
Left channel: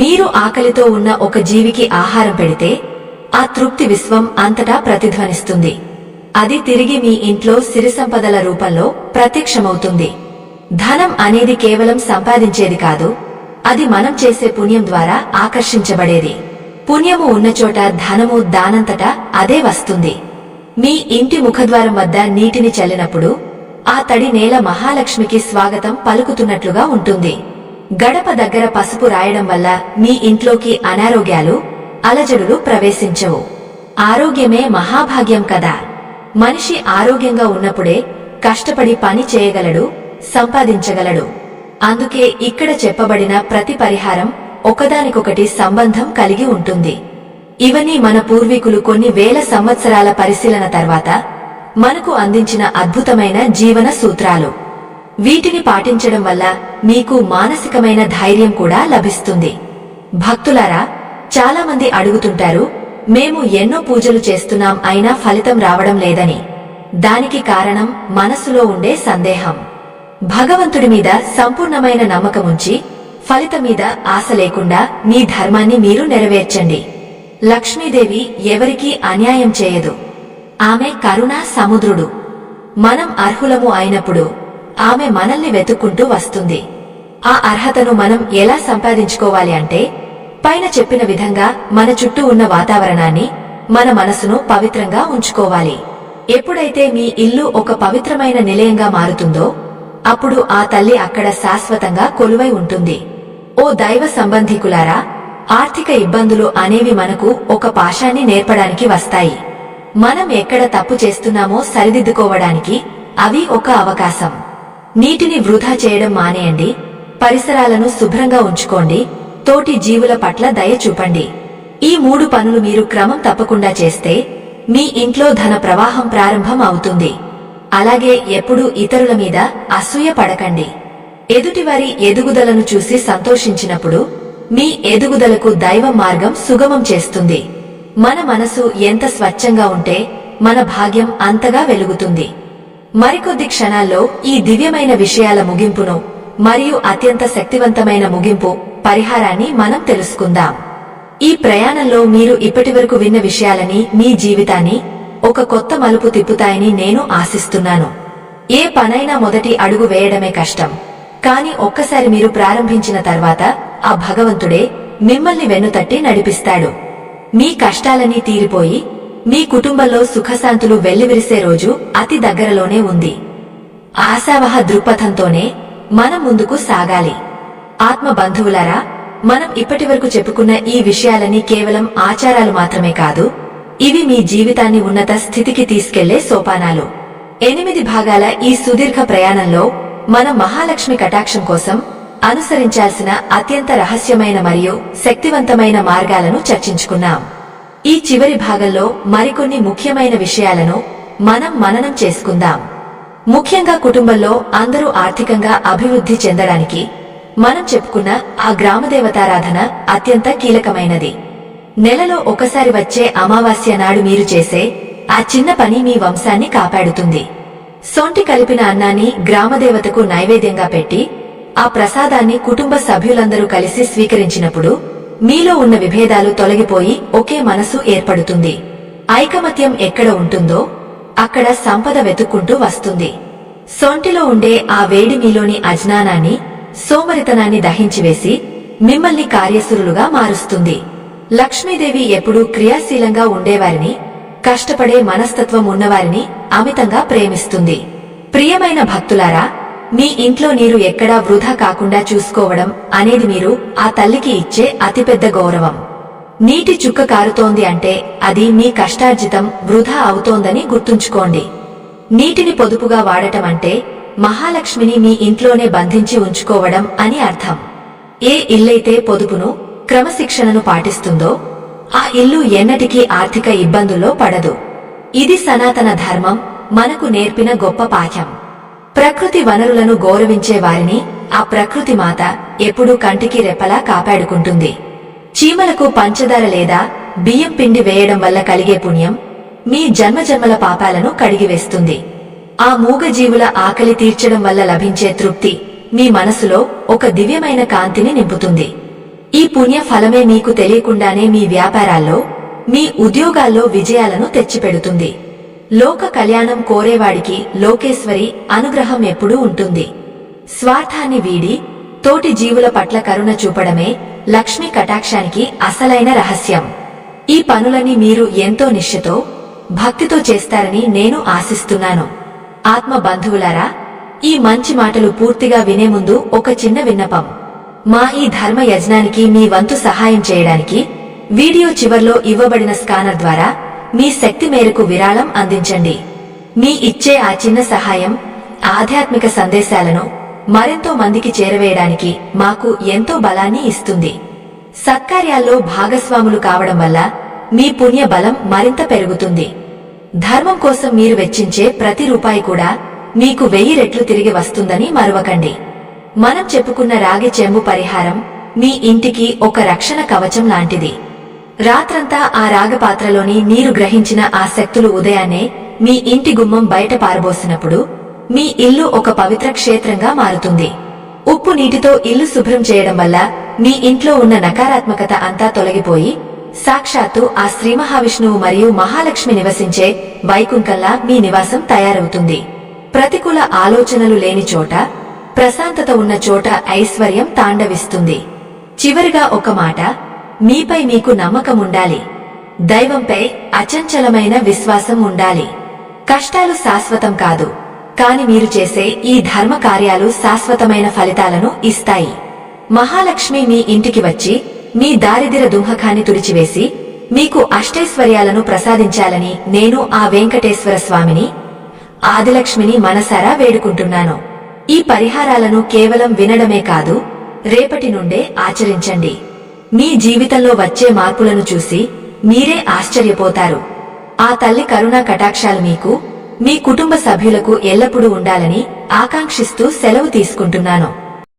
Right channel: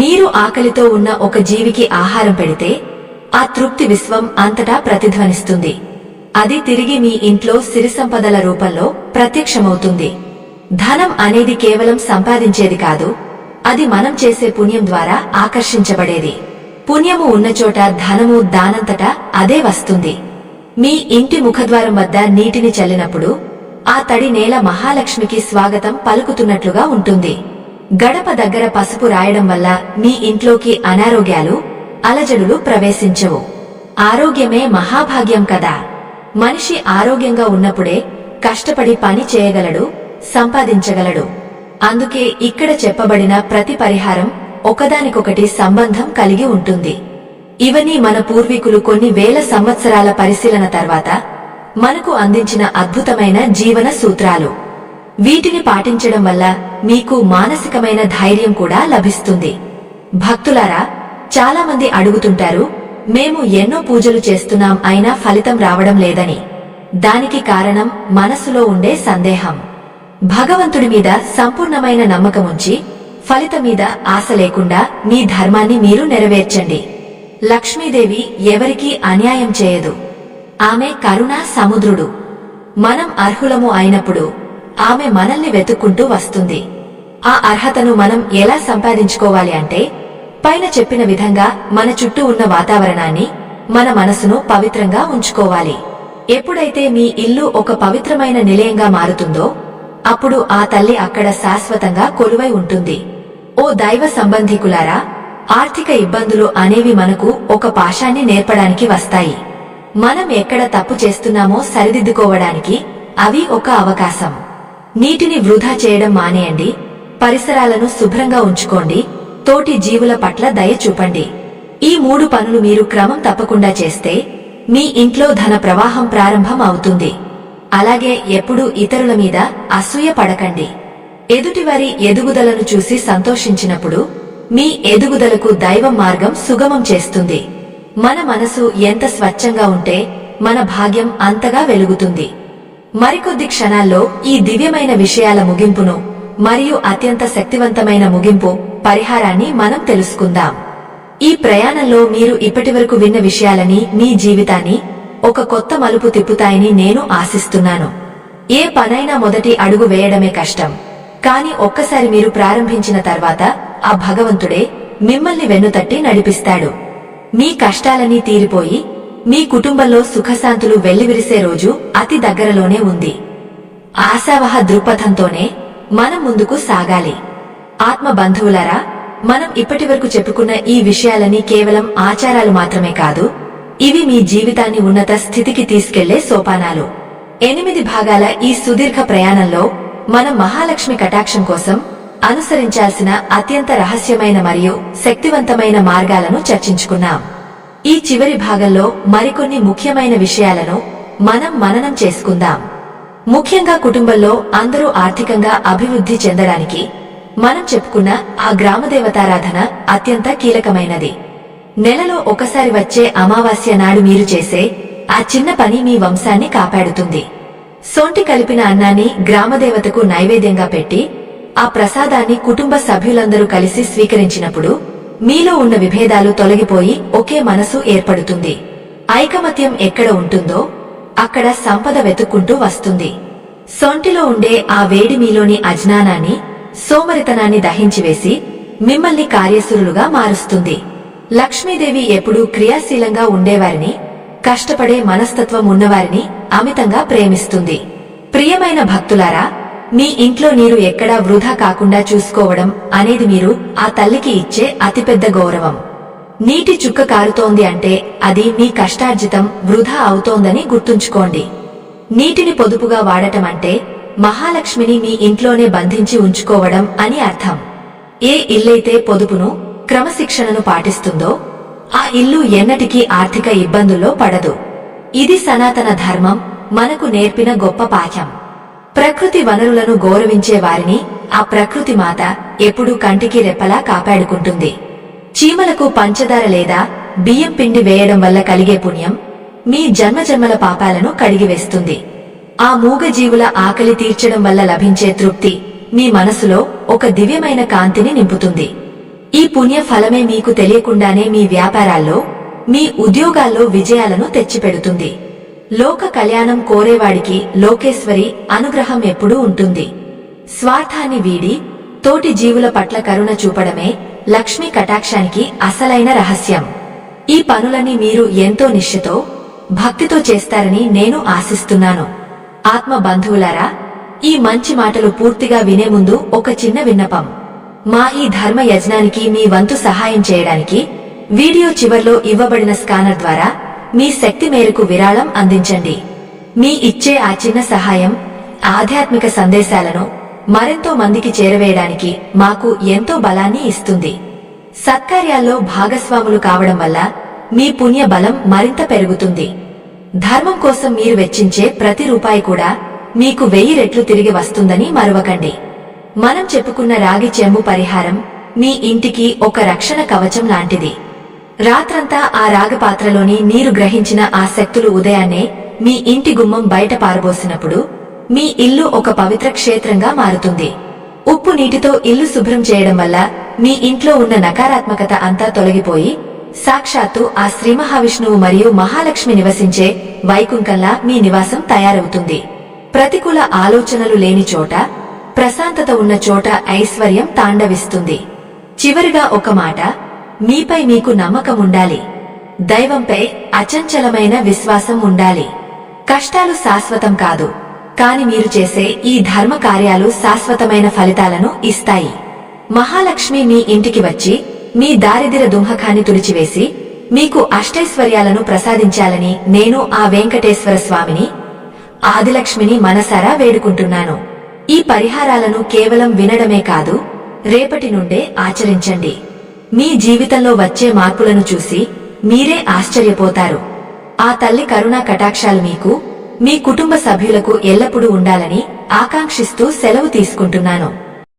మీరు ఆకలితో ఉన్న ఒక జీవికి ఆహారం పెడితే ఆ తృప్తి విశ్వం అంతటా ప్రతిధ్వనిస్తుంది. అది తిరిగి మీ ఇంట్లో సిరిసంపదల రూపంలో ప్రత్యక్షమవుతుంది. ధనం అనేది కేవలం సంపాదించేది కాదు, అది మనం చేసే పుణ్యం ద్వారా ఆకర్షించబడేది. పుణ్యము ఉన్నచోట ధనము దానంతటా అదే వస్తుంది. మీ ఇంటి ముఖద్వారం వద్ద నీటిని చల్లినప్పుడు ఆ తడి నేల మహాలక్ష్మికి స్వాగతం పలుకుతున్నట్లుగా ఉంటుంది. గడప దగ్గర పసుపు రాయడం వల్ల మీ ఇంట్లోకి అనారోగ్యాలు, అలజడులు ప్రవేశించవు. ఆరోగ్యమే మహాభాగ్యం కదా. మనిషి ఆరోగ్యంగా ఉన్నప్పుడే కష్టపడి పని చేయగలడు, సంపాదించగలడు. అందుకే ఇక్కడ చెప్పబడిన ప్రతి పరిహారం ఒకదానికొకటి సంబంధం కలిగి ఉంటుంది. ఇవన్నీ మన పూర్వీకులు కొన్ని వేల సంవత్సరాల పరిశీలన తర్వాత మనకు అందించిన అద్భుతమైన జీవన సూత్రాలు. వీటిని పాటించడం వల్ల మీకు మానసికమైన ధైర్యం కూడా లభిస్తుంది. భక్తులారా, చాలా మంది అడుగుతుంటారు, మేము ఎన్నో పూజలు చేస్తున్నాం అయినా ఫలితం రావడం లేదని. దానికి కారణం మనసులో ఉండే సందేహం. భగవంతుడి మీద సంపూర్ణమైన నమ్మకముంచి ఫలితం మీద ఆశ లేకుండా మీ ధర్మాన్ని మీరు నెరవేర్చండి. లక్ష్మీదేవి ఎవరికీ అన్యాయం చేయదు. ఆమె కరుణా సముద్రుడు. మనం అర్హులము అయినప్పుడు ఆమె మనల్ని వెతుక్కుంటూ వస్తుంది. ఆ అర్హతను మనం ఎలా సంపాదించుకోవాలి అంటే పైన చెప్పిన విధంగా మన చుట్టూ ఉన్న వాతావరణాన్ని, మన మనసును పవిత్రంగా ఉంచుకోవాలి. ఎప్పుడైతే మీ ఇల్లు ఒక పవిత్రమైన నిలయంగా మారుతుందో అప్పుడు ఆ తల్లి అక్కడ శాశ్వతంగా కొలువై ఉంటుంది. ఓ దైవ సంబంధికులారా, ఆర్థిక ఇబ్బందులు అనేవి మనకు ఒక పాశాన్ని నేర్పడానికి వస్తాయి. మనం ఎక్కడ తప్పు చేస్తున్నామో సరిదిద్దుకోవడానికి అవి ఒక అవకాశం. నీటిని వృధా చేయడం మానేయండి, పరిసరాలను శుభ్రంగా ఉంచుకోండి, తోటి జీవుల పట్ల దయ చూపండి. ఈ 3 పనులు మీరు క్రమం తప్పకుండా చేస్తే మీ ఇంట్లో ధన ప్రవాహం ప్రారంభం అవుతుంది. అలాగే ఎప్పుడూ ఇతరుల మీద అసూయ పడకండి. ఎదుటివారి ఎదుగుదలను చూసి సంతోషించినప్పుడు మీ ఎదుగుదలకు దైవం మార్గం సుగమం చేస్తుంది. మన మనసు ఎంత స్వచ్ఛంగా ఉంటే మన భాగ్యం అంతగా వెలుగుతుంది. మరికొద్ది క్షణాల్లో ఈ దివ్యమైన విషయాల ముగింపును మరియు అత్యంత శక్తివంతమైన ముగింపు పరిహారాన్ని మనం తెలుసుకుందాం. ఈ ప్రయాణంలో మీరు ఇప్పటివరకు విన్న విషయాలని మీ జీవితాన్ని ఒక కొత్త మలుపు తిప్పుతాయని నేను ఆశిస్తున్నాను. ఏ పనైనా మొదటి అడుగు వేయడమే కష్టం. కాని ఒక్కసారి మీరు ప్రారంభించిన తర్వాత ఆ భగవంతుడే మిమ్మల్ని వెన్నుతట్టి నడిపిస్తాడు. మీ కష్టాలన్నీ తీరిపోయి మీ కుటుంబంలో సుఖశాంతులు వెల్లివిరిసే రోజు అతి దగ్గరలోనే ఉంది. ఆశావహ దృక్పథంతోనే మనం ముందుకు సాగాలి. ఆత్మ బంధువులారా, మనం ఇప్పటివరకు చెప్పుకున్న ఈ విషయాలన్నీ కేవలం ఆచారాలు మాత్రమే కాదు, ఇవి మీ జీవితాన్ని ఉన్నత స్థితికి తీసుకెళ్లే సోపానాలు. 8 భాగాల ఈ సుదీర్ఘ ప్రయాణంలో మనం మహాలక్ష్మి కటాక్షం కోసం అనుసరించాల్సిన అత్యంత రహస్యమైన మరియు శక్తివంతమైన మార్గాలను చర్చించుకున్నాం. ఈ చివరి భాగంలో మరికొన్ని ముఖ్యమైన విషయాలను మనం మననం చేసుకుందాం. ముఖ్యంగా కుటుంబంలో అందరూ ఆర్థికంగా అభివృద్ధి చెందడానికి మనం చెప్పుకున్న ఆ గ్రామదేవతారాధన అత్యంత కీలకమైనది. నెలలో ఒకసారి వచ్చే అమావాస్య నాడు మీరు చేసే ఆ చిన్న పని మీ వంశాన్ని కాపాడుతుంది. సొంటి కలిపిన అన్నాన్ని గ్రామదేవతకు నైవేద్యంగా పెట్టి ఆ ప్రసాదాన్ని కుటుంబ సభ్యులందరూ కలిసి స్వీకరించినప్పుడు మీలో ఉన్న విభేదాలు తొలగిపోయి ఒకే మనసు ఏర్పడుతుంది. ఐకమత్యం ఎక్కడ ఉంటుందో అక్కడ సంపద వెతుక్కుంటూ వస్తుంది. సొంటిలో ఉండే ఆ వేడి మీలోని అజ్ఞానాన్ని, సోమరితనాన్ని దహించివేసి మిమ్మల్ని కార్యసురులుగా మారుస్తుంది. లక్ష్మీదేవి ఎప్పుడూ క్రియాశీలంగా ఉండేవారిని, కష్టపడే మనస్తత్వం ఉన్నవారిని అమితంగా ప్రేమిస్తుంది. ప్రియమైన భక్తులారా, మీ ఇంట్లో నీరు ఎక్కడా వృధా కాకుండా చూసుకోవడం అనేది మీరు ఆ తల్లికి ఇచ్చే అతిపెద్ద గౌరవం. నీటి చుక్క కారుతోంది అంటే అది మీ కష్టార్జితం వృధా అవుతోందని గుర్తుంచుకోండి. నీటిని పొదుపుగా వాడటమంటే మహాలక్ష్మిని మీ ఇంట్లోనే బంధించి ఉంచుకోవడం అని అర్థం. ఏ ఇల్లైతే పొదుపును, క్రమశిక్షణను పాటిస్తుందో ఆ ఇల్లు ఎన్నటికీ ఆర్థిక ఇబ్బందుల్లో పడదు. ఇది సనాతన ధర్మం మనకు నేర్పిన గొప్ప పాఠం. ప్రకృతి వనరులను గౌరవించే వారిని ఆ ప్రకృతి మాత ఎప్పుడూ కంటికి రెప్పలా కాపాడుకుంటుంది. చీమలకు పంచదార లేదా బియ్యం పిండి వేయడం వల్ల కలిగే పుణ్యం మీ జన్మజన్మల పాపాలను కడిగివేస్తుంది. ఆ మూగజీవుల ఆకలి తీర్చడం వల్ల లభించే తృప్తి మీ మనసులో ఒక దివ్యమైన కాంతిని నింపుతుంది. ఈ పుణ్య ఫలమే మీకు తెలియకుండానే మీ వ్యాపారాల్లో, మీ ఉద్యోగాల్లో విజయాలను తెచ్చిపెడుతుంది. లోక కళ్యాణం కోరేవాడికి లోకేశ్వరి అనుగ్రహం ఎప్పుడూ ఉంటుంది. స్వార్థాన్ని వీడి తోటి జీవుల పట్ల కరుణ చూపడమే లక్ష్మీ కటాక్షానికి అసలైన రహస్యం. ఈ పనులని మీరు ఎంతో నిష్ఠతో, భక్తితో చేస్తారని నేను ఆశిస్తున్నాను. ఆత్మ బంధువులారా, ఈ మంచి మాటలు పూర్తిగా వినే ముందు ఒక చిన్న విన్నపం. మా ఈ ధర్మ యజ్ఞానికి మీ వంతు సహాయం చేయడానికి వీడియో చివర్లో ఇవ్వబడిన స్కానర్ ద్వారా మీ శక్తి మేరకు విరాళం అందించండి. మీ ఇచ్చే ఆ చిన్న సహాయం ఆధ్యాత్మిక సందేశాలను మరెంతో మందికి చేరవేయడానికి మాకు ఎంతో బలాన్ని ఇస్తుంది. సత్కార్యాల్లో భాగస్వాములు కావడం వల్ల మీ పుణ్య బలం మరింత పెరుగుతుంది. ధర్మం కోసం మీరు వెచ్చించే ప్రతి రూపాయి కూడా మీకు 1000 రెట్లు తిరిగి వస్తుందని మరువకండి. మనం చెప్పుకున్న రాగి చెంబు పరిహారం మీ ఇంటికి ఒక రక్షణ కవచం లాంటిది. రాత్రంతా ఆ రాగపాత్రలోని నీరు గ్రహించిన ఆ శక్తులు ఉదయాన్నే మీ ఇంటి గుమ్మం బయట పారబోసినప్పుడు మీ ఇల్లు ఒక పవిత్ర క్షేత్రంగా మారుతుంది. ఉప్పు నీటితో ఇల్లు శుభ్రం చేయడం వల్ల మీ ఇంట్లో ఉన్న నకారాత్మకత అంతా తొలగిపోయి సాక్షాత్తు ఆ శ్రీ మహావిష్ణువు మరియు మహాలక్ష్మి నివసించే వైకుంఠంలా మీ నివాసం తయారవుతుంది. ప్రతికూల ఆలోచనలు లేని చోట, ప్రశాంతత ఉన్న చోట ఐశ్వర్యం తాండవిస్తుంది. చివరిగా ఒక మాట, మీపై మీకు నమ్మకముండాలి. దైవంపై అచంచలమైన విశ్వాసం ఉండాలి. కష్టాలు శాశ్వతం కాదు, కాని మీరు చేసే ఈ ధర్మ కార్యాలు శాశ్వతమైన ఫలితాలను ఇస్తాయి. మహాలక్ష్మి మీ ఇంటికి వచ్చి మీ దారిద్ర్య దుంహకాన్ని తుడిచివేసి మీకు అష్టైశ్వర్యాలను ప్రసాదించాలని నేను ఆ వెంకటేశ్వర స్వామిని, ఆదిలక్ష్మిని మనసారా వేడుకుంటున్నాను. ఈ పరిహారాలను కేవలం వినడమే కాదు, రేపటి నుండే ఆచరించండి. మీ జీవితంలో వచ్చే మార్పులను చూసి మీరే ఆశ్చర్యపోతారు. ఆ తల్లి కరుణా కటాక్షాలు మీకు, మీ కుటుంబ సభ్యులకు ఎల్లప్పుడూ ఉండాలని ఆకాంక్షిస్తూ సెలవు తీసుకుంటున్నాను.